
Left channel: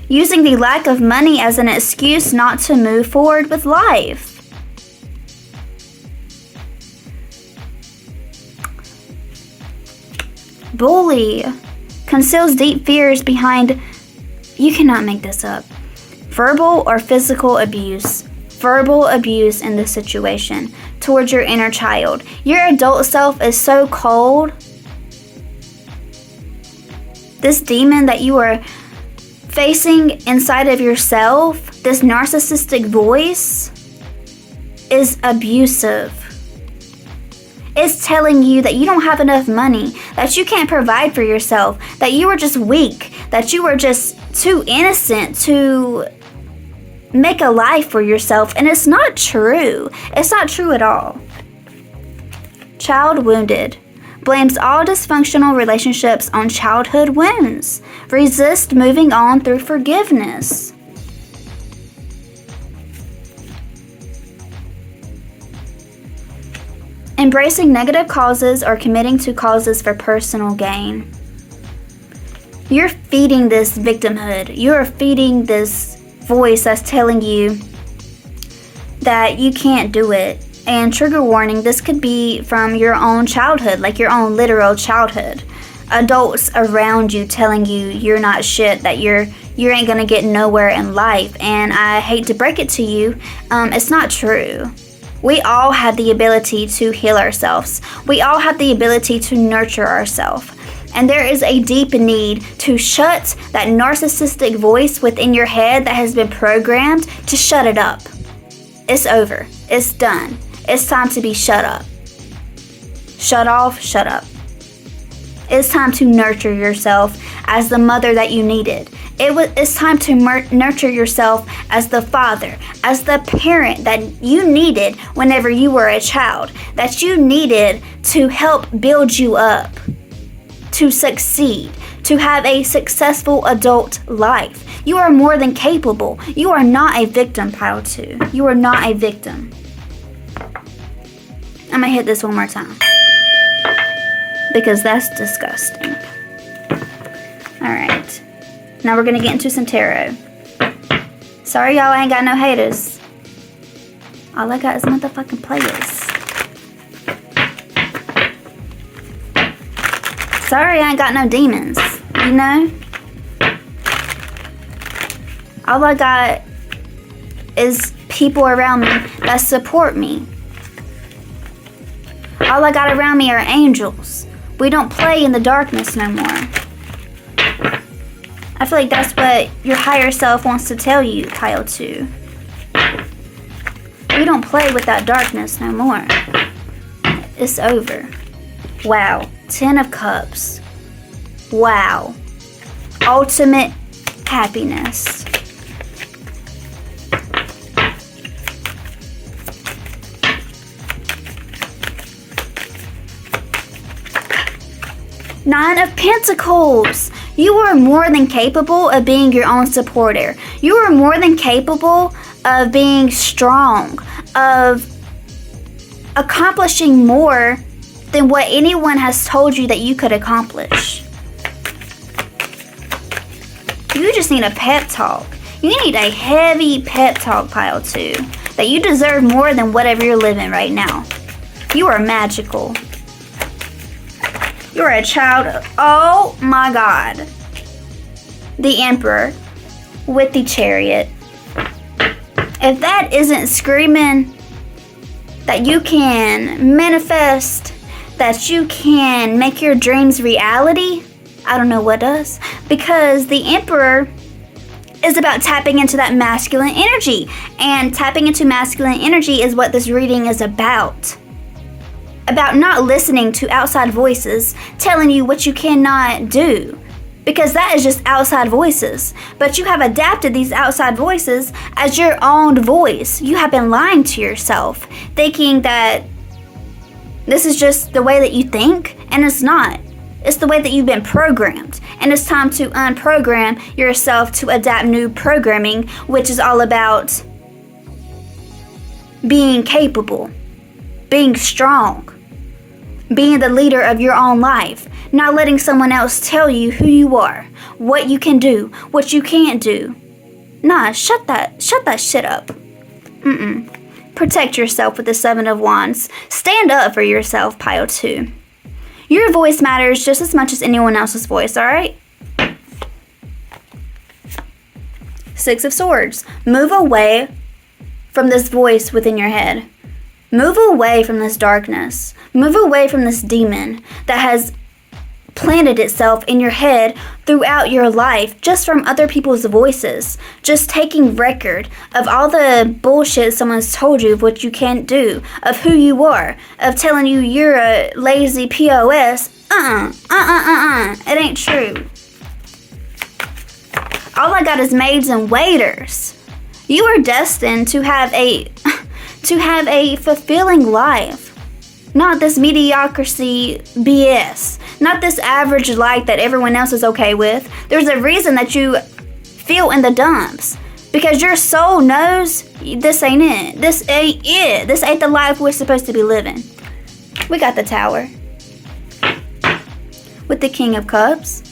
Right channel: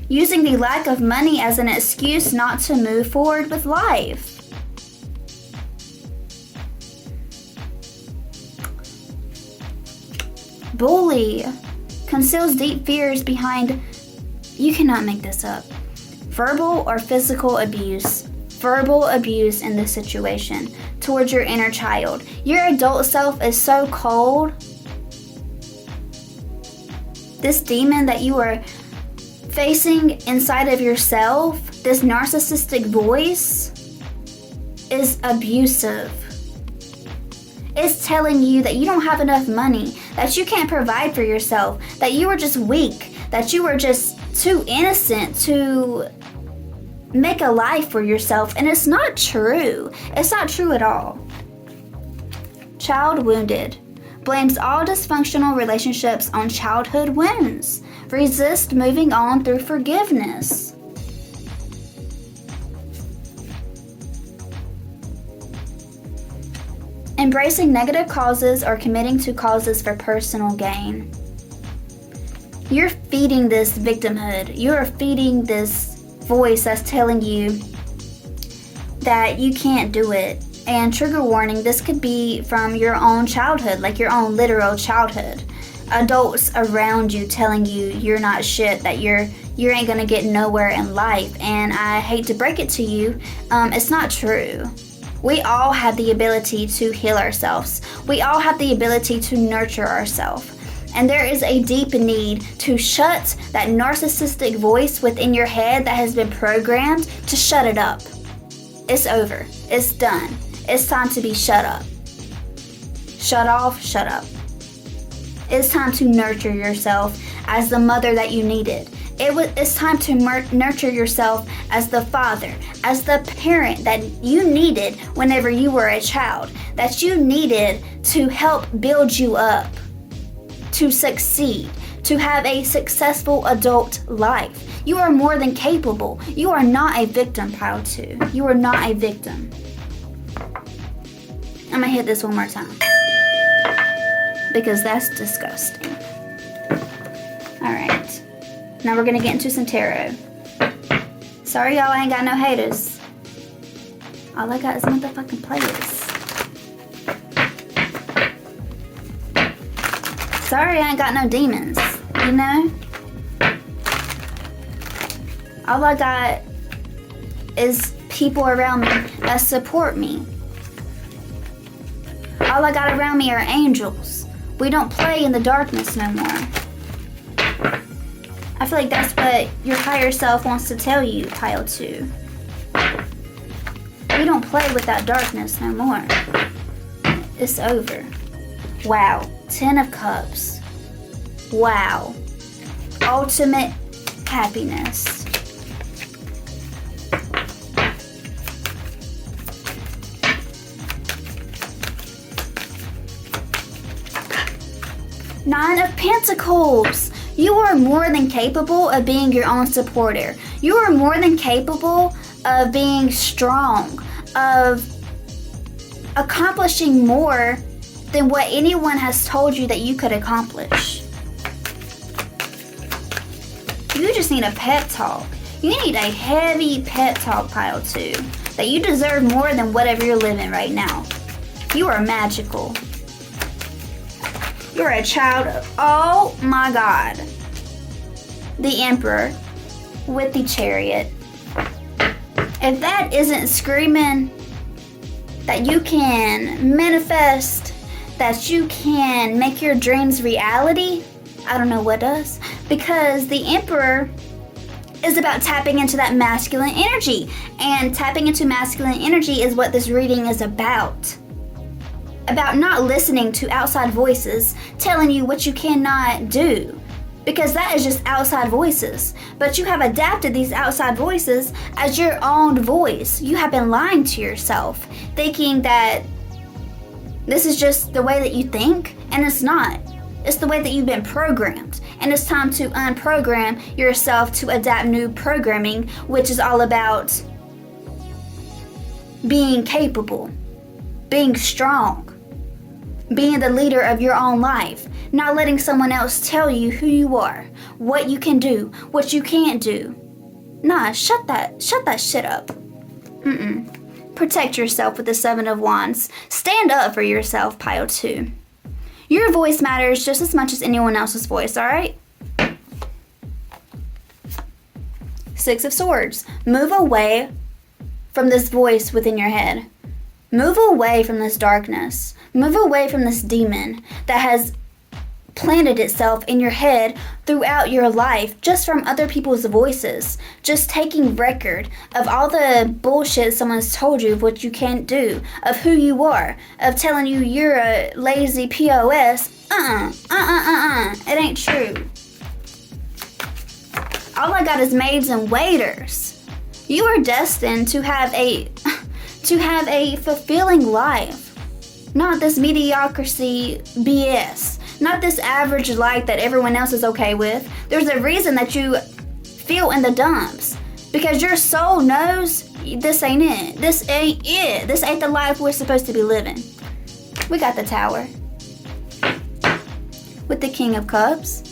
using the lack of money as an excuse not to move forward with life. Bully conceals deep fears behind, you cannot make this up, verbal or physical abuse. Verbal abuse in this situation towards your inner child. Your adult self is so cold. This demon that you are facing inside of yourself, this narcissistic voice, is abusive. It's telling you that you don't have enough money, that you can't provide for yourself, that you are just weak, that you are just too innocent to make a life for yourself. And it's not true. It's not true at all. Child wounded. Blames all dysfunctional relationships on childhood wounds. Resist moving on through forgiveness. Embracing negative causes or committing to causes for personal gain. You're feeding this victimhood. You're feeding this voice that's telling you that you can't do it. And trigger warning, this could be from your own childhood, like your own literal childhood. Adults around you telling you you're not shit, that you ain't gonna get nowhere in life. And I hate to break it to you, it's not true. We all have the ability to heal ourselves. We all have the ability to nurture ourselves. And there is a deep need to shut that narcissistic voice within your head that has been programmed, to shut it up. It's over. It's done. It's time to be shut up. Shut off, shut up. It's time to nurture yourself as the mother that you needed. It's time to nurture yourself as the father, as the parent that you needed whenever you were a child, that you needed to help build you up, to succeed, to have a successful adult life. You are more than capable. You are not a victim, pile 2. You are not a victim. I'm gonna hit this one more time, because that's disgusting. Alright. Now we're gonna get into some tarot. Sorry y'all, I ain't got no haters. All I got is motherfucking players. Sorry I ain't got no demons, you know? All I got is people around me that support me. All I got around me are angels. We don't play in the darkness no more. I feel like that's what your higher self wants to tell you, pile 2. We don't play with that darkness no more. It's over. Wow. 10 of Cups. Wow. Ultimate happiness. Nine of Pentacles. You are more than capable of being your own supporter. You are more than capable of being strong, of accomplishing more than what anyone has told you that you could accomplish. You just need a pep talk. You need a heavy pep talk, pile 2. That you deserve more than whatever you're living right now. You are magical. You're a child of, oh my God. The Emperor with the Chariot. If that isn't screaming that you can manifest, that you can make your dreams reality, I don't know what does. Because the Emperor is about tapping into that masculine energy. And tapping into masculine energy is what this reading is about. About not listening to outside voices telling you what you cannot do. Because that is just outside voices. But you have adapted these outside voices as your own voice. You have been lying to yourself, thinking that this is just the way that you think, and it's not. It's the way that you've been programmed. And it's time to unprogram yourself to adapt new programming, which is all about being capable, being strong, being the leader of your own life, not letting someone else tell you who you are, what you can do, what you can't do. Nah, shut that shit up. Protect yourself with the Seven of Wands. Stand up for yourself, pile 2. Your voice matters just as much as anyone else's voice, alright? Six of Swords. Move away from this voice within your head. Move away from this darkness. Move away from this demon that has planted itself in your head throughout your life, just from other people's voices, just taking record of all the bullshit someone's told you of what you can't do, of who you are, of telling you you're a lazy POS. It ain't true. All I got is maids and waiters. You are destined to have a fulfilling life. Not this mediocrity BS. Not this average life that everyone else is okay with. There's a reason that you feel in the dumps. Because your soul knows this ain't it. This ain't it. This ain't the life we're supposed to be living. We got the Tower. With the King of Cups.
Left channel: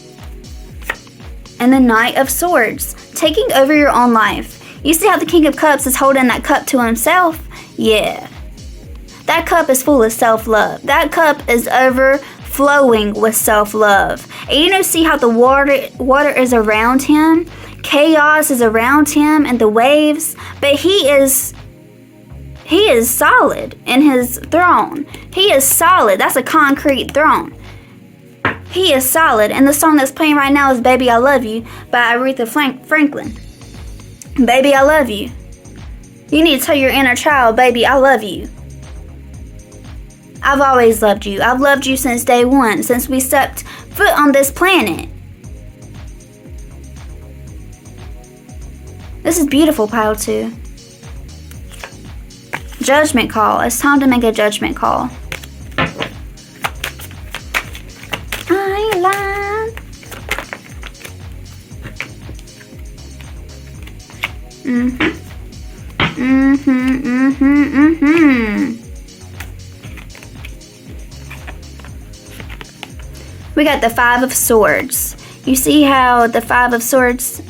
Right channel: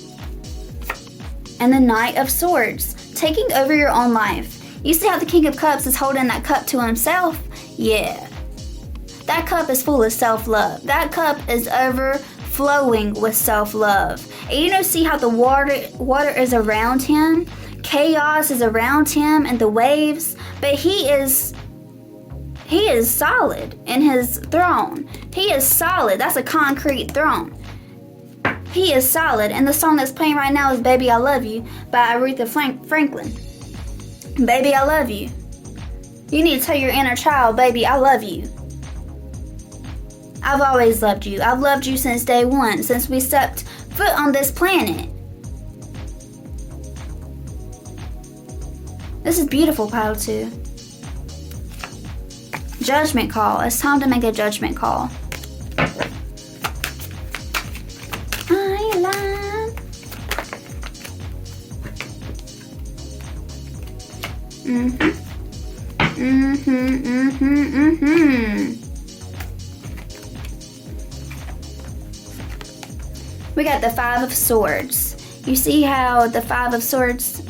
And the Knight of Swords. Taking over your own life. You see how the King of Cups is holding that cup to himself? Yeah. That cup is full of self-love. That cup is overflowing with self-love. And see how the water is around him? Chaos is around him and the waves. But he is solid in his throne. He is solid. That's a concrete throne. He is solid. And the song that's playing right now is Baby I Love You by Aretha Franklin. Baby, I love you. You need to tell your inner child, baby, I love you. I've always loved you. I've loved you since day one, since we stepped foot on this planet. This is beautiful, pile 2. Judgment call. It's time to make a judgment call. I ain't lying. We got the Five of Swords. You see how the Five of Swords...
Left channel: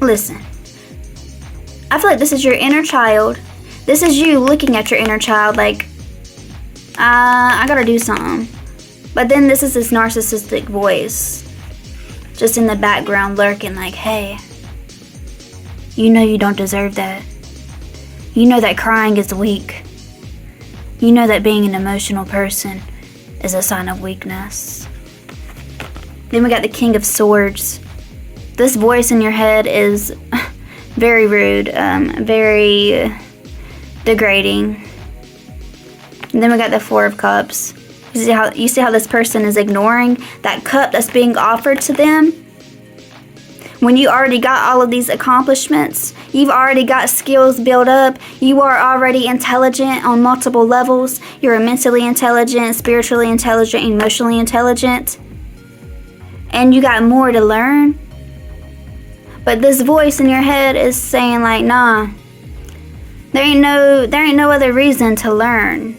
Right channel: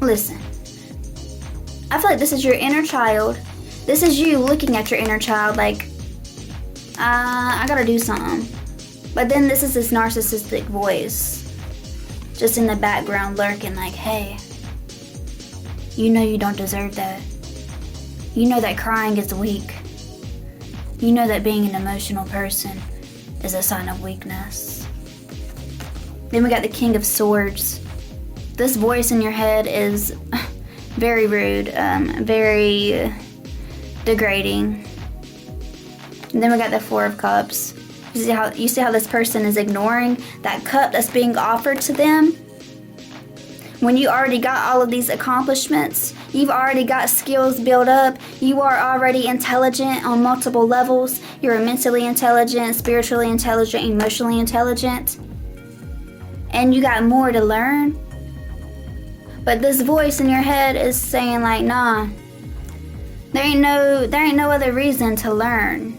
Listen. I feel like this is your inner child. This is you looking at your inner child like, I gotta do something. But then this is this narcissistic voice just in the background lurking like, hey, you know you don't deserve that. You know that crying is weak. You know that being an emotional person is a sign of weakness. Then we got the King of Swords. This voice in your head is very rude, very degrading. And then we got the Four of Cups. You see how this person is ignoring that cup that's being offered to them? When you already got all of these accomplishments, you've already got skills built up, you are already intelligent on multiple levels, you're mentally intelligent, spiritually intelligent, emotionally intelligent, and you got more to learn. But this voice in your head is saying like, nah, there ain't no other reason to learn.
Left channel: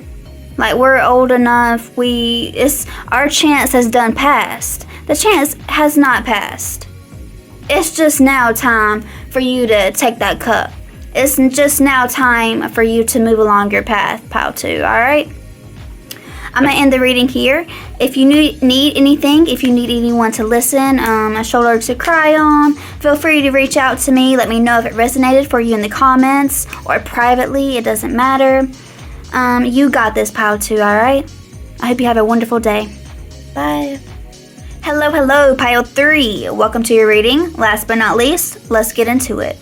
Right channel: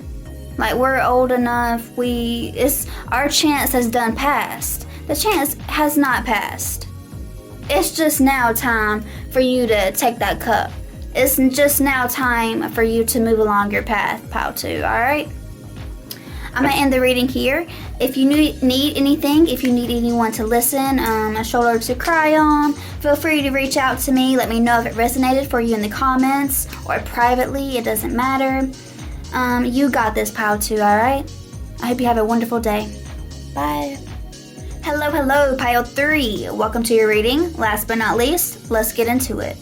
Like, we're old enough, our chance has done passed. The chance has not passed. It's just now time for you to take that cup. It's just now time for you to move along your path, pile 2, alright? I'm going to end the reading here. If you need anything, if you need anyone to listen, a shoulder to cry on, feel free to reach out to me. Let me know if it resonated for you in the comments or privately. It doesn't matter. You got this, pile 2, alright? I hope you have a wonderful day. Bye. Hello, pile 3. Welcome to your reading. Last but not least, let's get into it.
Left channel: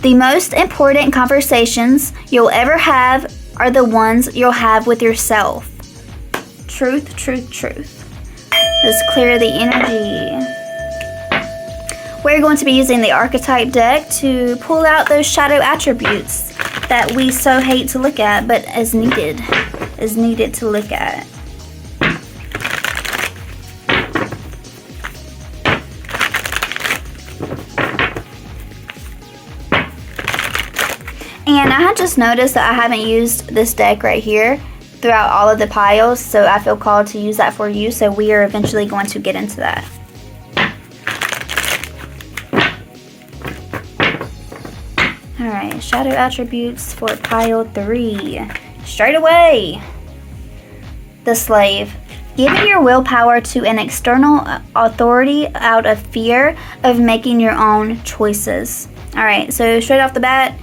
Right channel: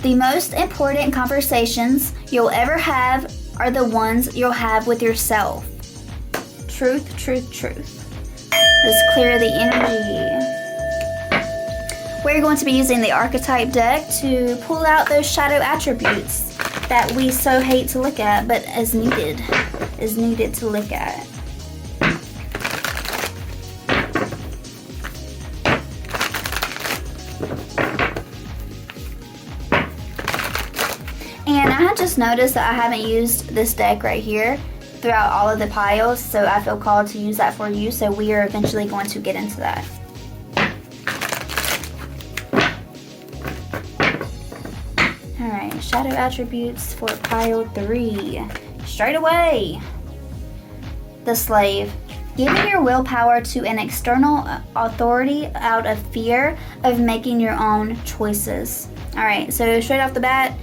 The most important conversations you'll ever have are the ones you'll have with yourself. Truth, truth, truth. Let's clear the energy. We're going to be using the Archetype deck to pull out those shadow attributes that we so hate to look at, but is needed to look at. And I just noticed that I haven't used this deck right here throughout all of the piles, so I feel called to use that for you. So we are eventually going to get into that. Alright, shadow attributes for pile 3. Straight away, the slave. Giving your willpower to an external authority out of fear of making your own choices. Alright, so straight off the bat,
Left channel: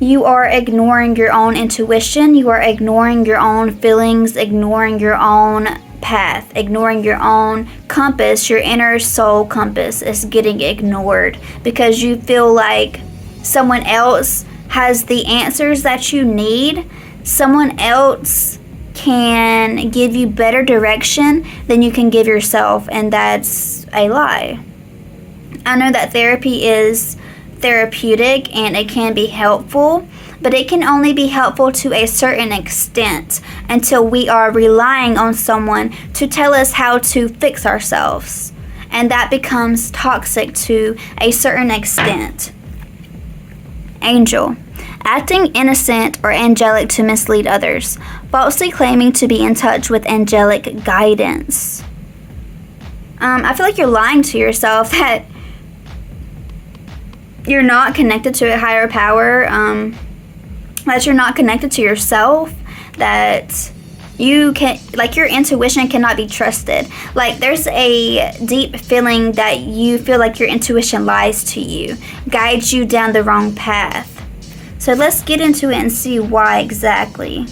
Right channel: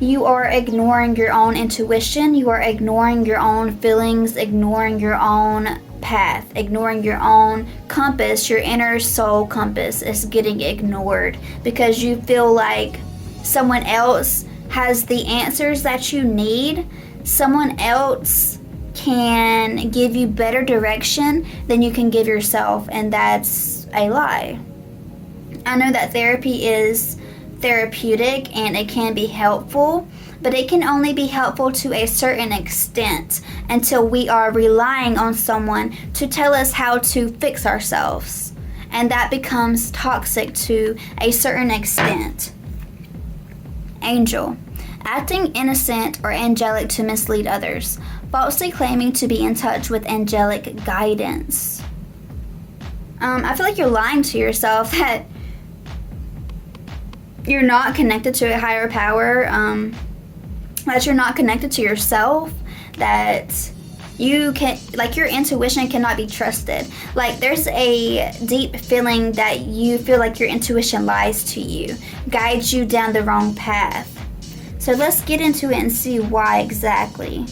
you are ignoring your own intuition, you are ignoring your own feelings, ignoring your own path, ignoring your own compass. Your inner soul compass is getting ignored because you feel like someone else has the answers that you need. Someone else can give you better direction than you can give yourself, and that's a lie. I know that therapy is therapeutic and it can be helpful, but it can only be helpful to a certain extent until we are relying on someone to tell us how to fix ourselves, and that becomes toxic to a certain extent. Angel. Acting innocent or angelic to mislead others, falsely claiming to be in touch with angelic guidance. I feel like you're lying to yourself that you're not connected to a higher power, that you're not connected to yourself, that you can, like, your intuition cannot be trusted. Like, there's a deep feeling that you feel like your intuition lies to you, guides you down the wrong path. So let's get into it and see why exactly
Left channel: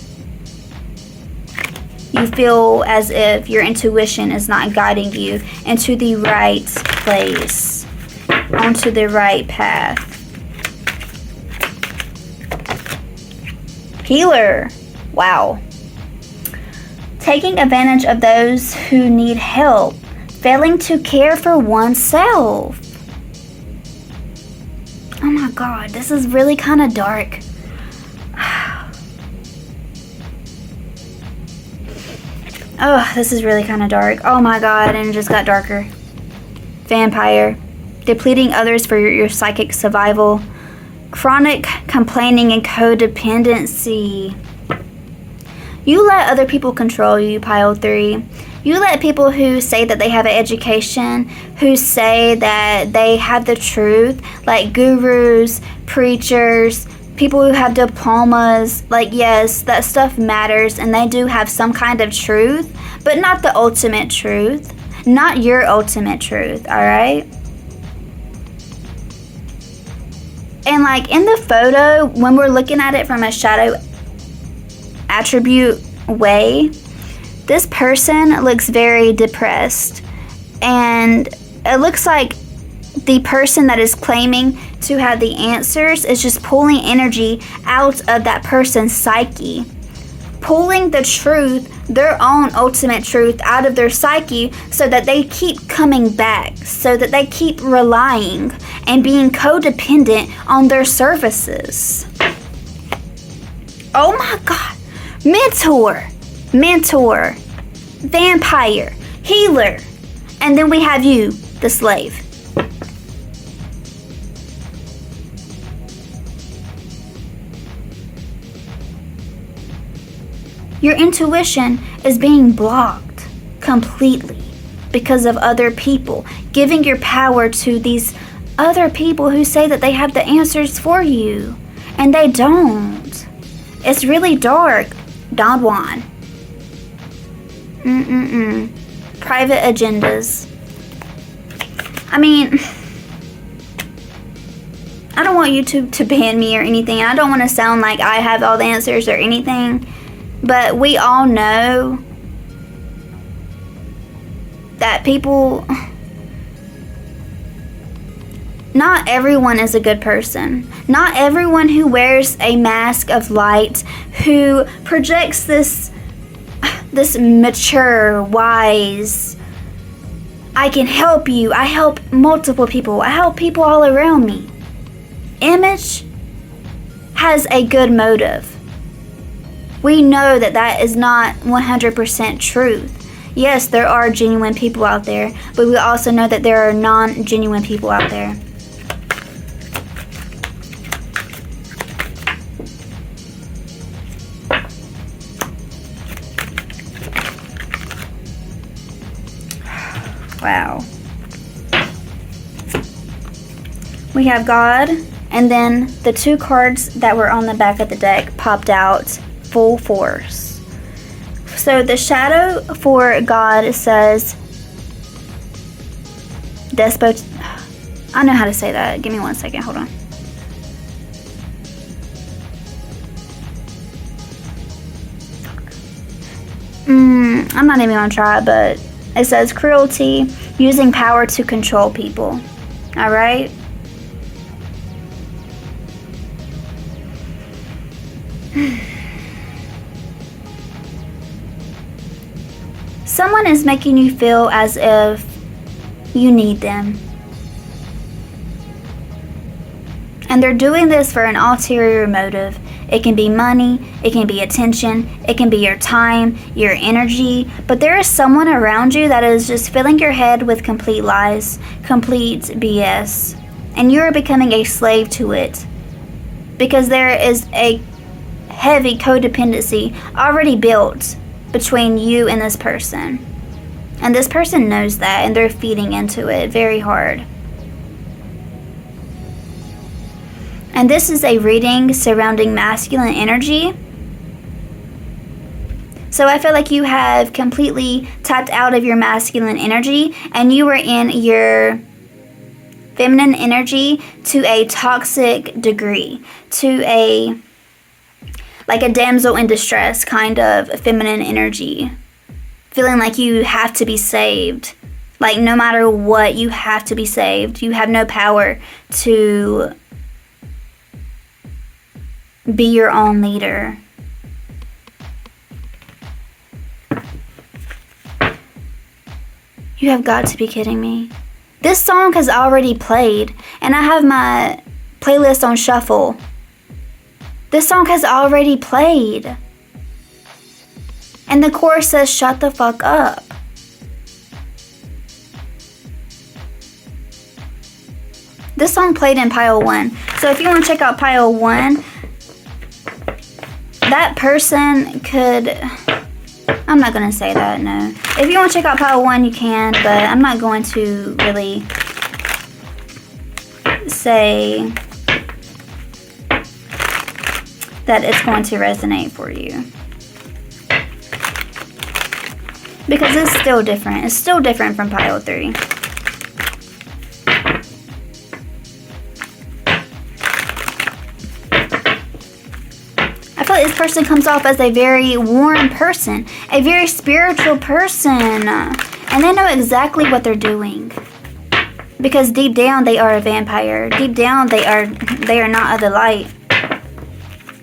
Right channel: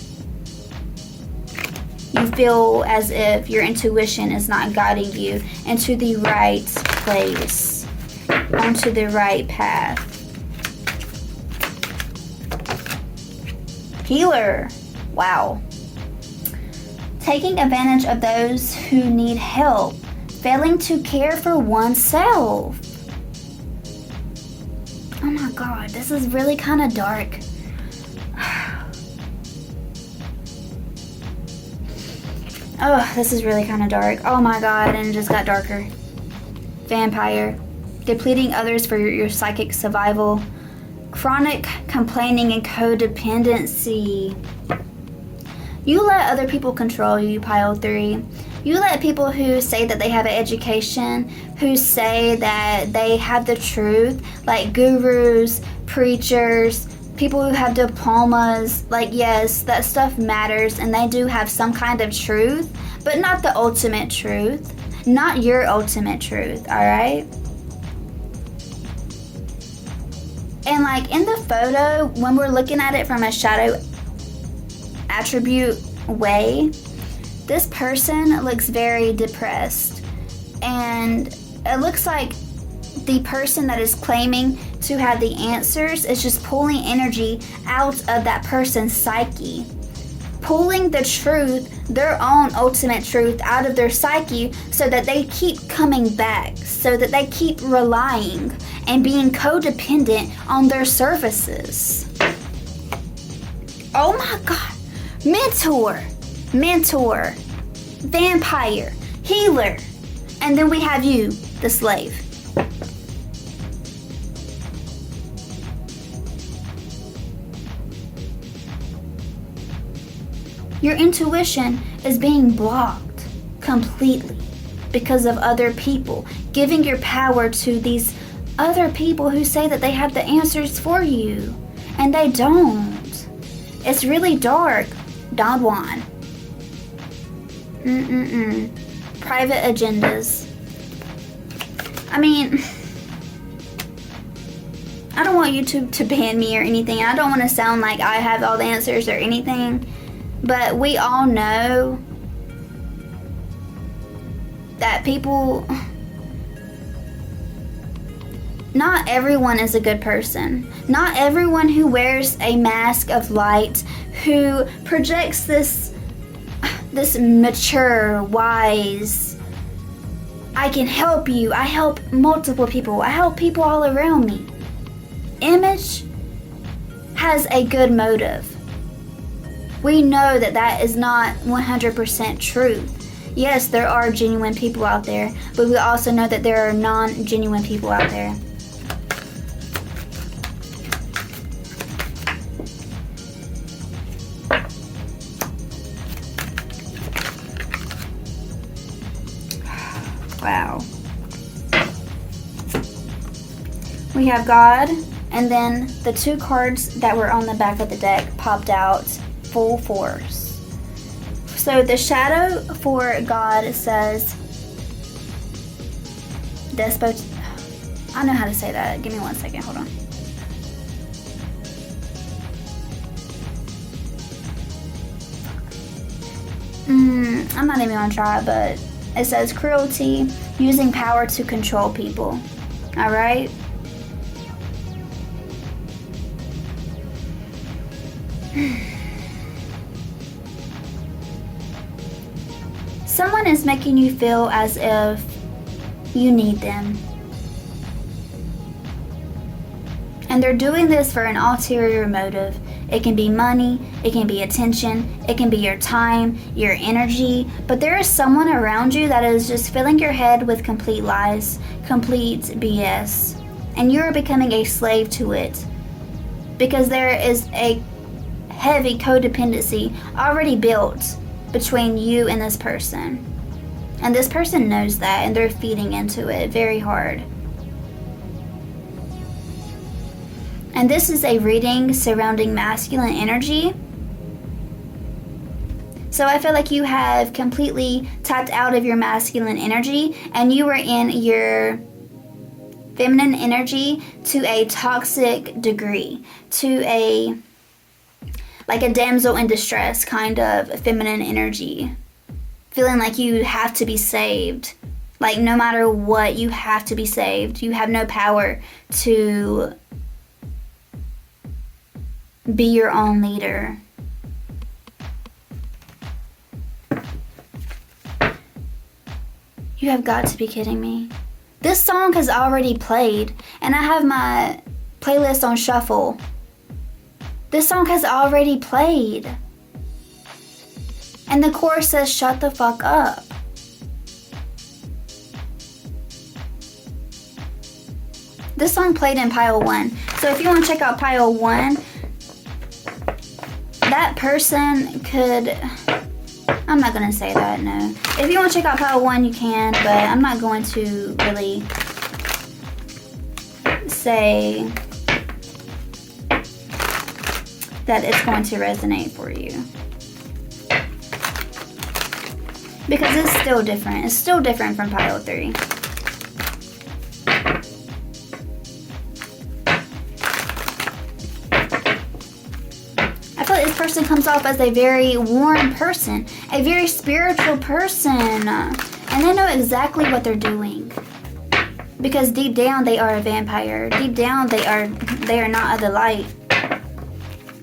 you feel as if your intuition is not guiding you into the right place, onto the right path. Healer. Wow. Taking advantage of those who need help, failing to care for oneself. Oh my God, this is really kind of dark. Oh, this is really kind of dark. Oh my God, and it just got darker. Vampire. Depleting others for your psychic survival. Chronic complaining and codependency. You let other people control you, pile 3. You let people who say that they have an education, who say that they have the truth, like gurus, preachers, people who have diplomas, like, yes, that stuff matters and they do have some kind of truth, but not the ultimate truth. Not your ultimate truth, alright? And like in the photo, when we're looking at it from a shadow attribute way, this person looks very depressed, and it looks like the person that is claiming to have the answers is just pulling energy out of that person's psyche, pulling the truth, their own ultimate truth, out of their psyche so that they keep coming back, so that they keep relying and being codependent on their services. Oh my God. Mentor, vampire, healer, and then we have you, the slave. Your intuition is being blocked completely because of other people, giving your power to these other people who say that they have the answers for you, and they don't. It's really dark. Don Juan. Private agendas. I mean, I don't want YouTube to ban me or anything. I don't want to sound like I have all the answers or anything, but we all know that people, not everyone is a good person. Not everyone who wears a mask of light, who projects this mature, wise, I can help you, I help multiple people, I help people all around me image has a good motive. We know that that is not 100% truth. Yes, there are genuine people out there, but we also know that there are non-genuine people out there. We have God, and then the 2 cards that were on the back of the deck popped out full force. So the shadow for God says despot. I know how to say that. Give me 1 second. Hold on. I'm not even gonna try, but it says cruelty, using power to control people. All right. Someone is making you feel as if you need them. And they're doing this for an ulterior motive. It can be money, it can be attention, it can be your time, your energy, but there is someone around you that is just filling your head with complete lies, complete BS, and you are becoming a slave to it because there is a heavy codependency already built between you and this person. And this person knows that, and they're feeding into it very hard. And this is a reading surrounding masculine energy. So I feel like you have completely tapped out of your masculine energy and you are in your feminine energy to a toxic degree, to a like a damsel in distress kind of feminine energy. Feeling like you have to be saved. Like no matter what, you have to be saved. You have no power to be your own leader. You have got to be kidding me. This song has already played, and I have my playlist on shuffle. This song has already played. And the chorus says, shut the fuck up. This song played in pile 1. So if you want to check out pile 1, that person could, I'm not going to say that, no. If you want to check out pile 1, you can, but I'm not going to really say that it's going to resonate for you. Because it's still different. It's still different from pile 3. This person comes off as a very warm person, a very spiritual person, and they know exactly what they're doing because deep down they are a vampire. Deep down they are not of the light,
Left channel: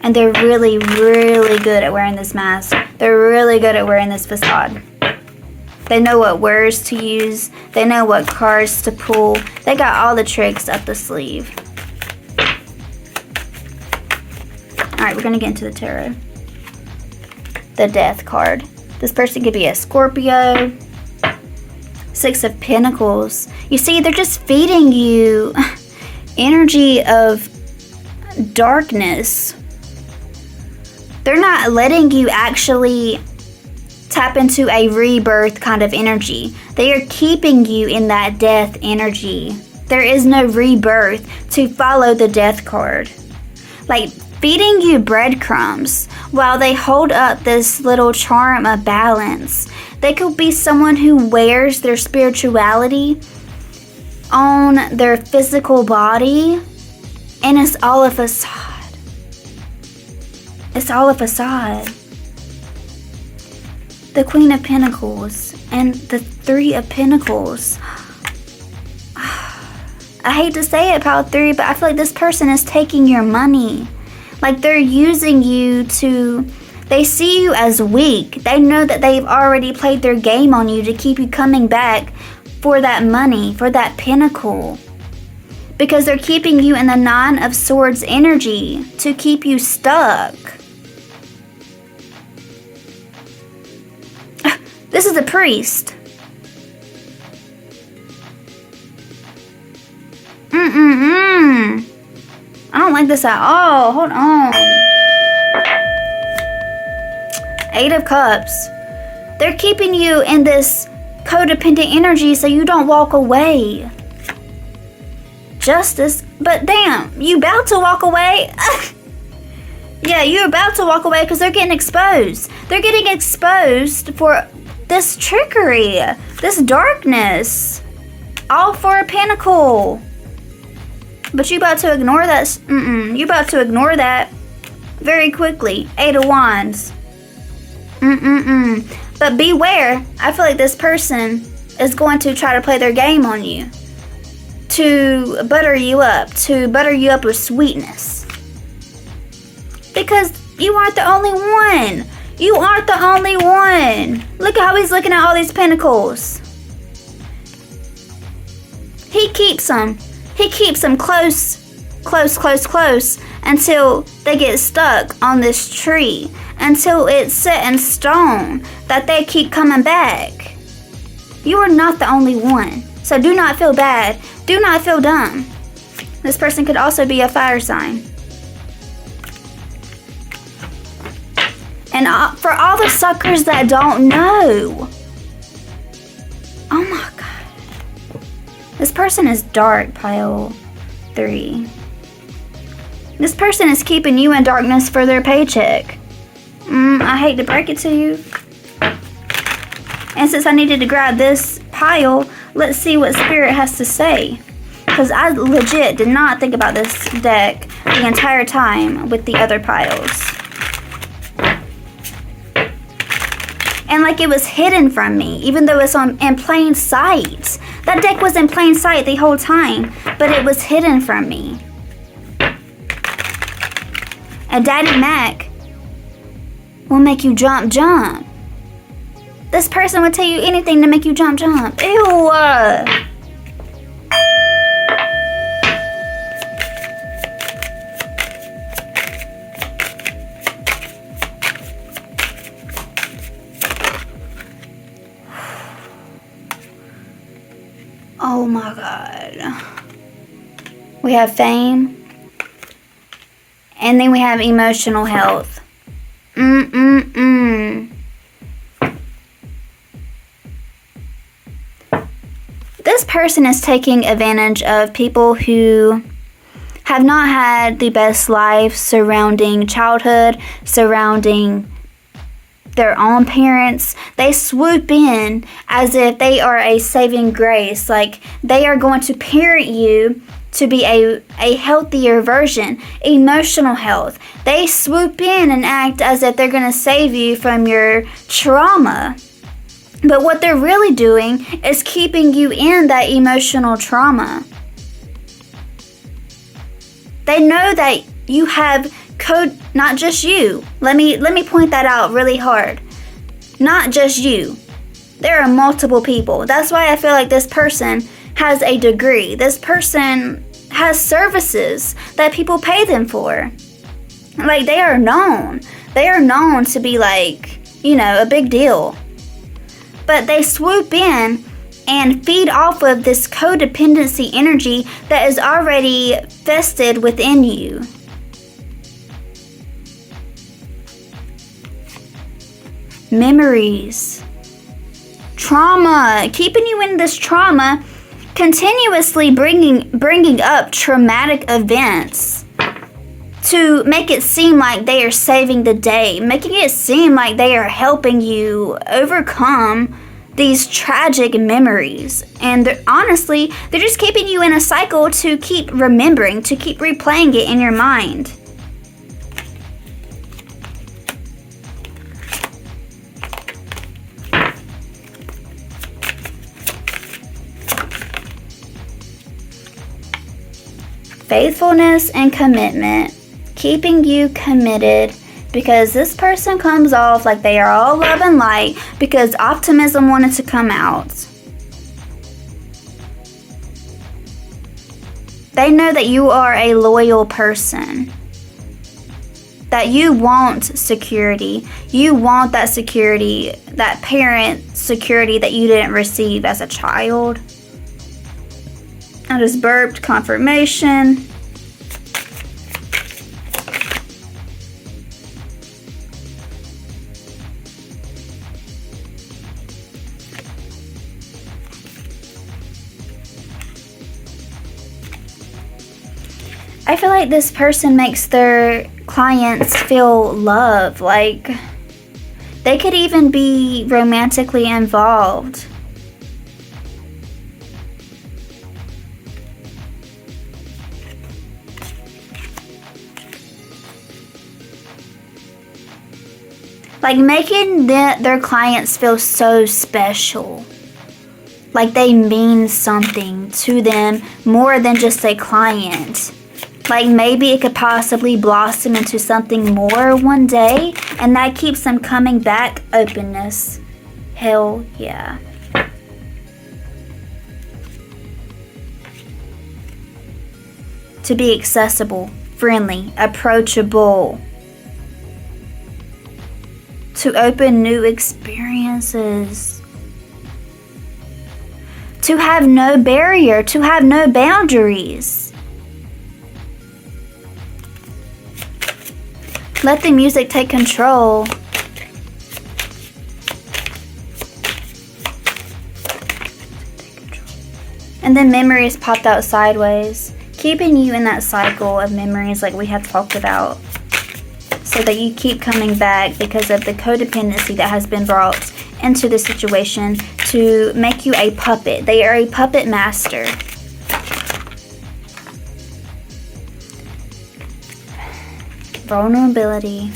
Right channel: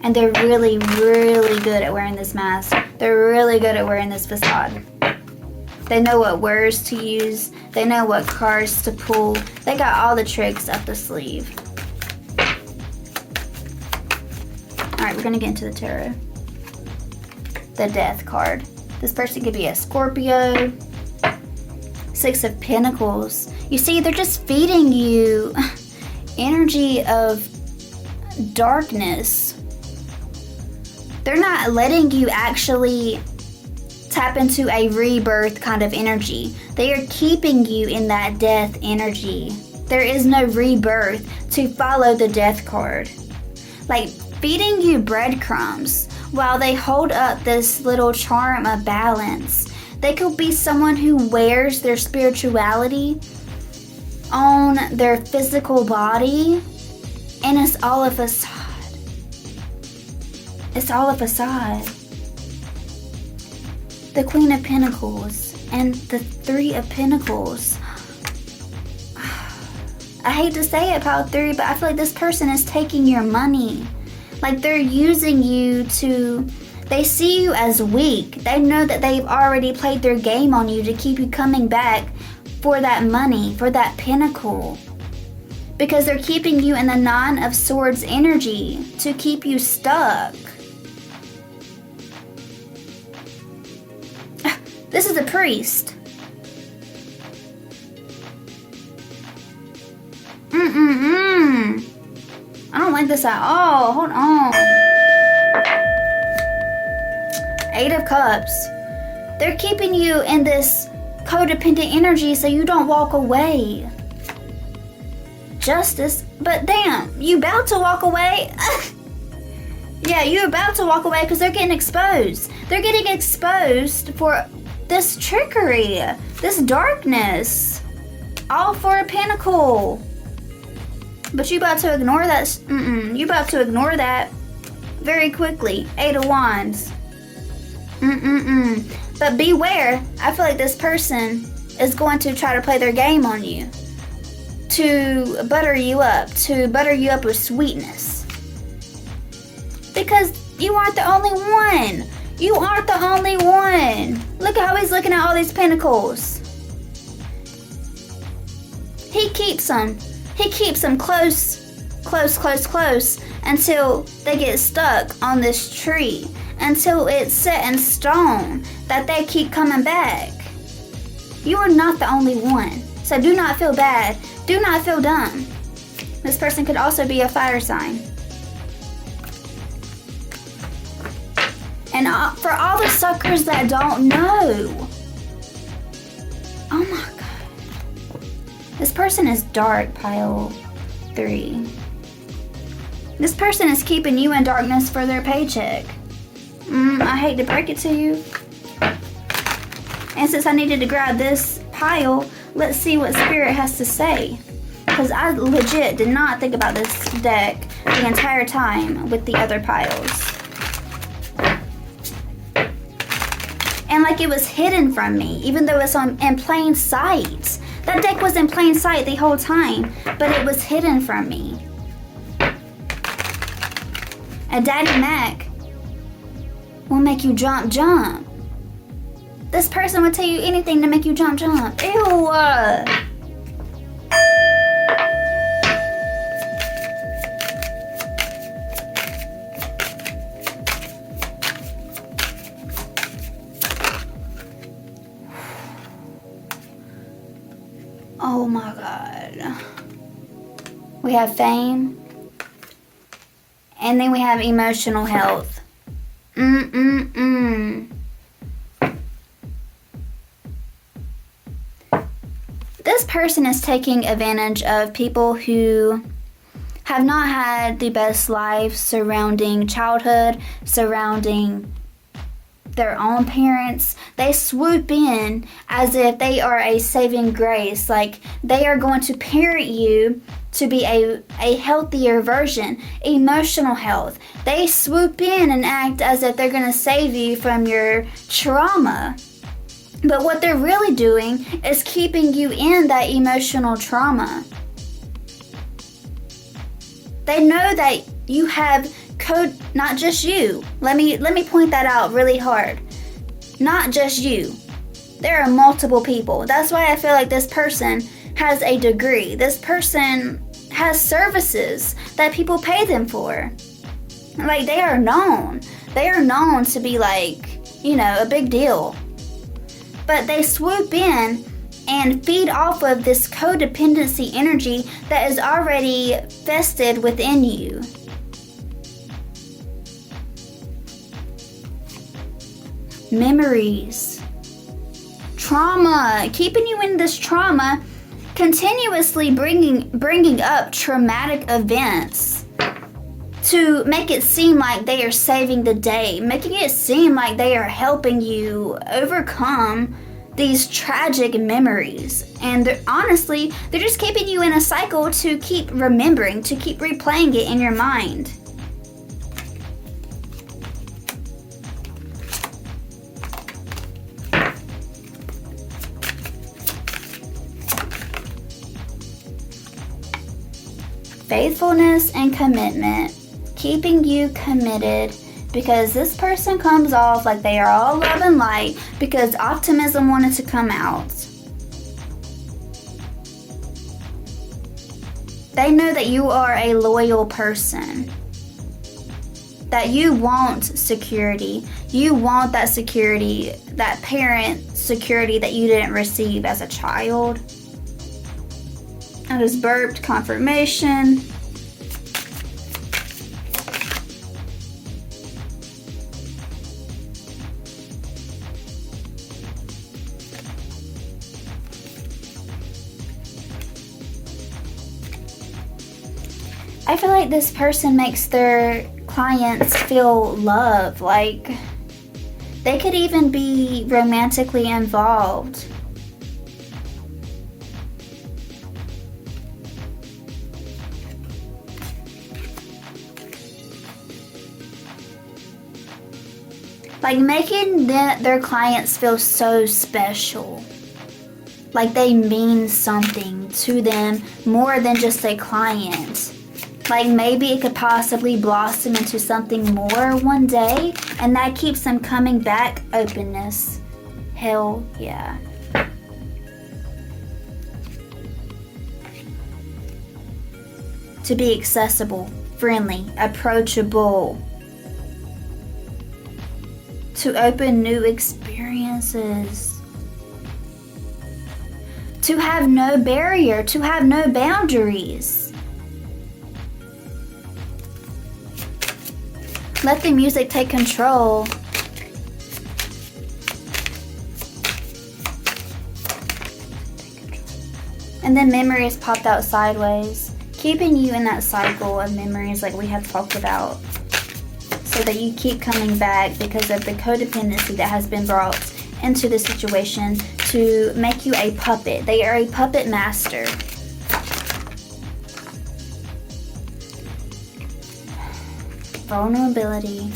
and they're really good at wearing this mask. They're really good at wearing this facade. They know what words to use. They know what cards to pull. They got all the tricks up the sleeve. Alright, we're going to get into the tarot. The Death card. This person could be a Scorpio. 6 of Pentacles. You see, they're just feeding you energy of darkness. They're not letting you actually tap into a rebirth kind of energy. They are keeping you in that death energy. There is no rebirth to follow the Death card. Like, feeding you breadcrumbs while they hold up this little charm of balance. They could be someone who wears their spirituality on their physical body, and it's all a facade. It's all a facade. The Queen of Pentacles and the 3 of Pentacles. I hate to say it, pile 3, but I feel like this person is taking your money. Like they're using you to, they see you as weak. They know that they've already played their game on you to keep you coming back for that money, for that pinnacle. Because they're keeping you in the 9 of Swords energy to keep you stuck. This is a priest. I don't like this at all. Hold on. 8 of Cups. They're keeping you in this codependent energy so you don't walk away. Justice. But damn, you about to walk away? Yeah, you're about to walk away because they're getting exposed. They're getting exposed for this trickery, this darkness. All for a pinnacle. But you about to ignore that. You about to ignore that very quickly. 8 of Wands. But beware. I feel like this person is going to try to play their game on you. To butter you up with sweetness. Because you aren't the only one. You aren't the only one. Look at how he's looking at all these pentacles. He keeps them. He keeps them close until they get stuck on this tree. Until it's set in stone that they keep coming back. You are not the only one. So do not feel bad. Do not feel dumb. This person could also be a fire sign. And for all the suckers that don't know. Oh my God. This person is dark, pile 3. This person is keeping you in darkness for their paycheck. I hate to break it to you. And since I needed to grab this pile, let's see what Spirit has to say. Because I legit did not think about this deck the entire time with the other piles. And like it was hidden from me, even though it's in plain sight. That deck was in plain sight the whole time, but it was hidden from me. And Daddy Mac will make you jump. This person would tell you anything to make you jump. Ew. Oh my God. We have fame. And then we have emotional health. This person is taking advantage of people who have not had the best life surrounding childhood, surrounding their own parents. They swoop in as if they are a saving grace, like they are going to parent you to be a healthier version. Emotional health. They swoop in and act as if they're going to save you from your trauma. But what they're really doing is keeping you in that emotional trauma. They know that you have not just you. Let me point that out really hard. Not just you. There are multiple people. That's why I feel like this person has a degree. This person has services that people pay them for. Like they are known. They are known to be like, a big deal. But they swoop in and feed off of this codependency energy that is already vested within you. Memories. Trauma. Keeping you in this trauma, continuously bringing up traumatic events to make it seem like they are saving the day, making it seem like they are helping you overcome these tragic memories. And honestly, they're just keeping you in a cycle to keep remembering, to keep replaying it in your mind. Faithfulness and commitment. Keeping you committed because this person comes off like they are all love and light because optimism wanted to come out. They know that you are a loyal person. That you want security. You want that security, that parent security that you didn't receive as a child. I just burped. Confirmation. I feel like this person makes their clients feel love. Like, they could even be romantically involved. Like, making their clients feel so special. Like they mean something to them more than just a client. Like maybe it could possibly blossom into something more one day, and that keeps them coming back. Openness. Hell yeah. To be accessible, friendly, approachable. To open new experiences. To have no barrier, to have no boundaries. Let the music take control. And then memories popped out sideways, keeping you in that cycle of memories like we have talked about, so that you keep coming back because of the codependency that has been brought into the situation to make you a puppet. They are a puppet master. Vulnerability.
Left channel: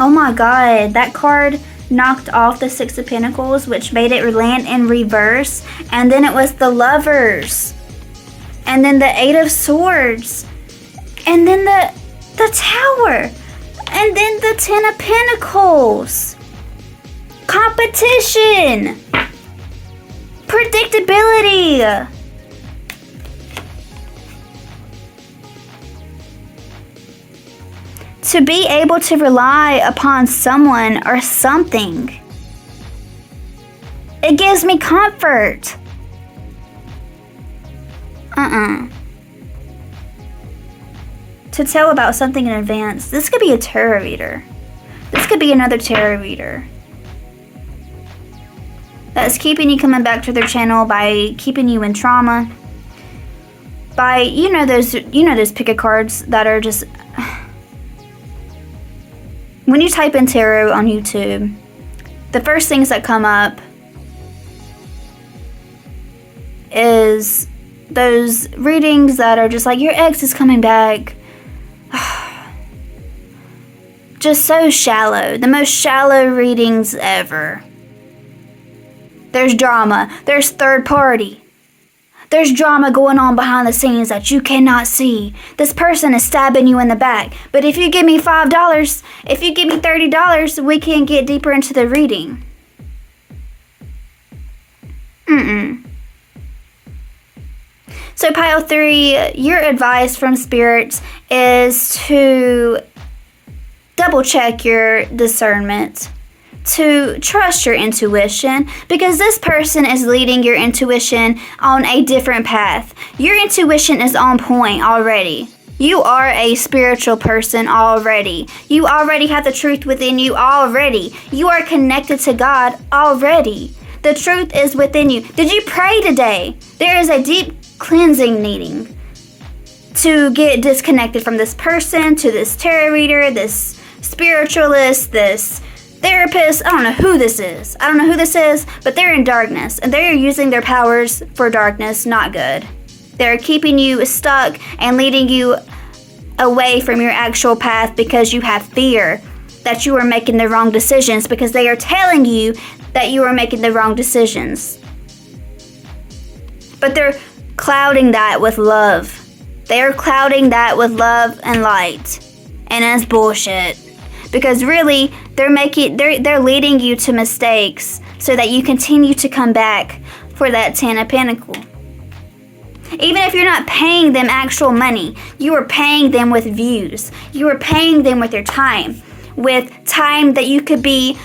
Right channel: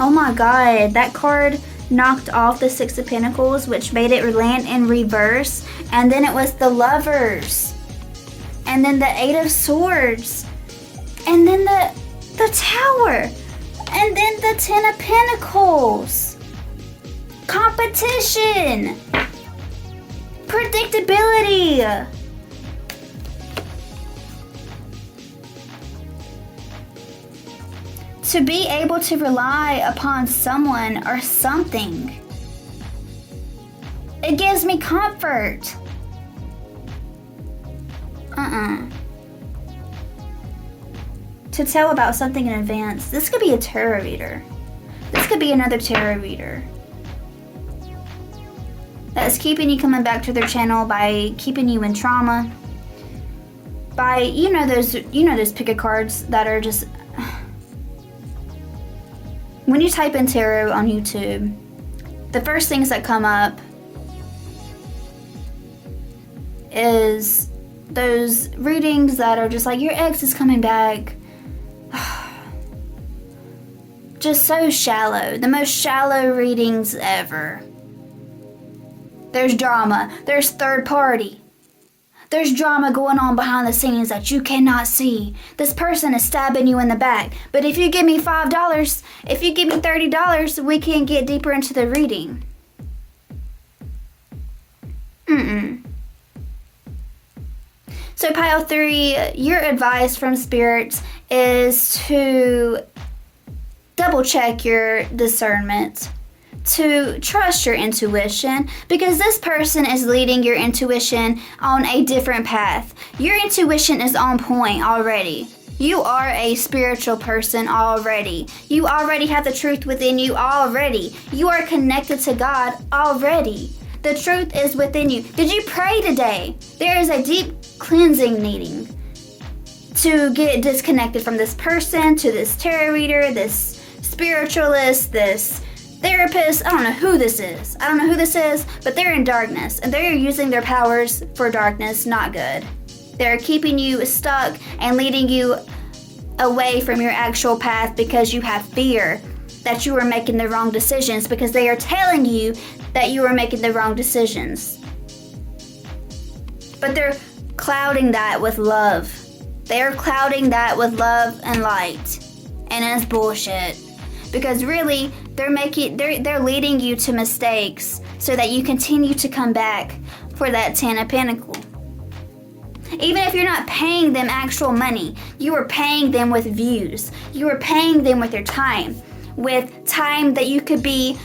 Oh my god, that card knocked off the Six of Pentacles, which made it land in reverse, and then it was the Lovers, and then the Eight of Swords, and then the Tower, and then the Ten of Pentacles. Competition. Predictability. To be able to rely upon someone or something. It gives me comfort. To tell about something in advance. This could be a tarot reader. This could be another tarot reader. That's keeping you coming back to their channel by keeping you in trauma. By, you know those pick a cards that are just... When you type in tarot on YouTube, the first things that come up is those readings that are just like, your ex is coming back. Just so shallow. The most shallow readings ever. There's drama. There's third party. There's drama going on behind the scenes that you cannot see. This person is stabbing you in the back. But if you give me $5, if you give me $30, we can get deeper into the reading. So pile 3, your advice from spirits is to double check your discernment. To trust your intuition, because this person is leading your intuition on a different path. Your intuition is on point already. You are a spiritual person already. You already have the truth within you already. You are connected to God already. The truth is within you. Did you pray today? There is a deep cleansing needing to get disconnected from this person, to this tarot reader, this spiritualist, this therapist. I don't know who this is. But they're in darkness, and they're using their powers for darkness, not good. They're keeping you stuck and leading you away from your actual path because you have fear that you are making the wrong decisions, because they are telling you that you are making the wrong decisions. But they're clouding that with love. They're clouding that with love and light. And that's bullshit. Because really, they're leading you to mistakes so that you continue to come back for that Ten of Pentacles. Even if you're not paying them actual money, you are paying them with views. You are paying them with your time. With time that you could be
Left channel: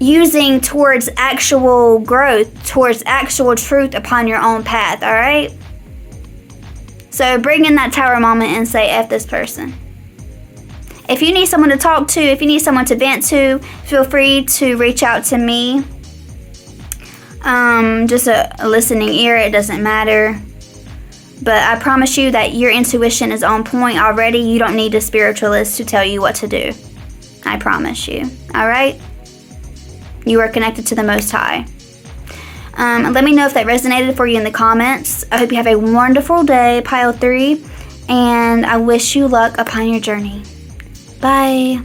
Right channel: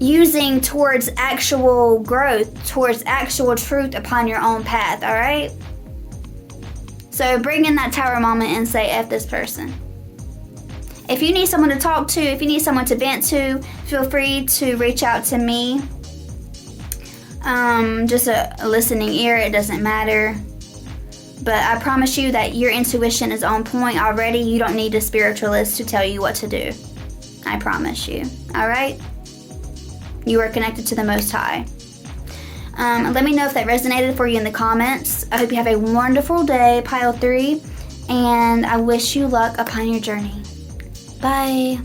using towards actual growth, towards actual truth upon your own path, alright? So bring in that Tower moment and say, F this person. If you need someone to talk to, if you need someone to vent to, feel free to reach out to me. just a listening ear. It doesn't matter. But I promise you that your intuition is on point already. You don't need a spiritualist to tell you what to do. I promise you. All right? You are connected to the Most High. Let me know if that resonated for you in the comments. I hope you have a wonderful day, Pile 3, and I wish you luck upon your journey. Bye.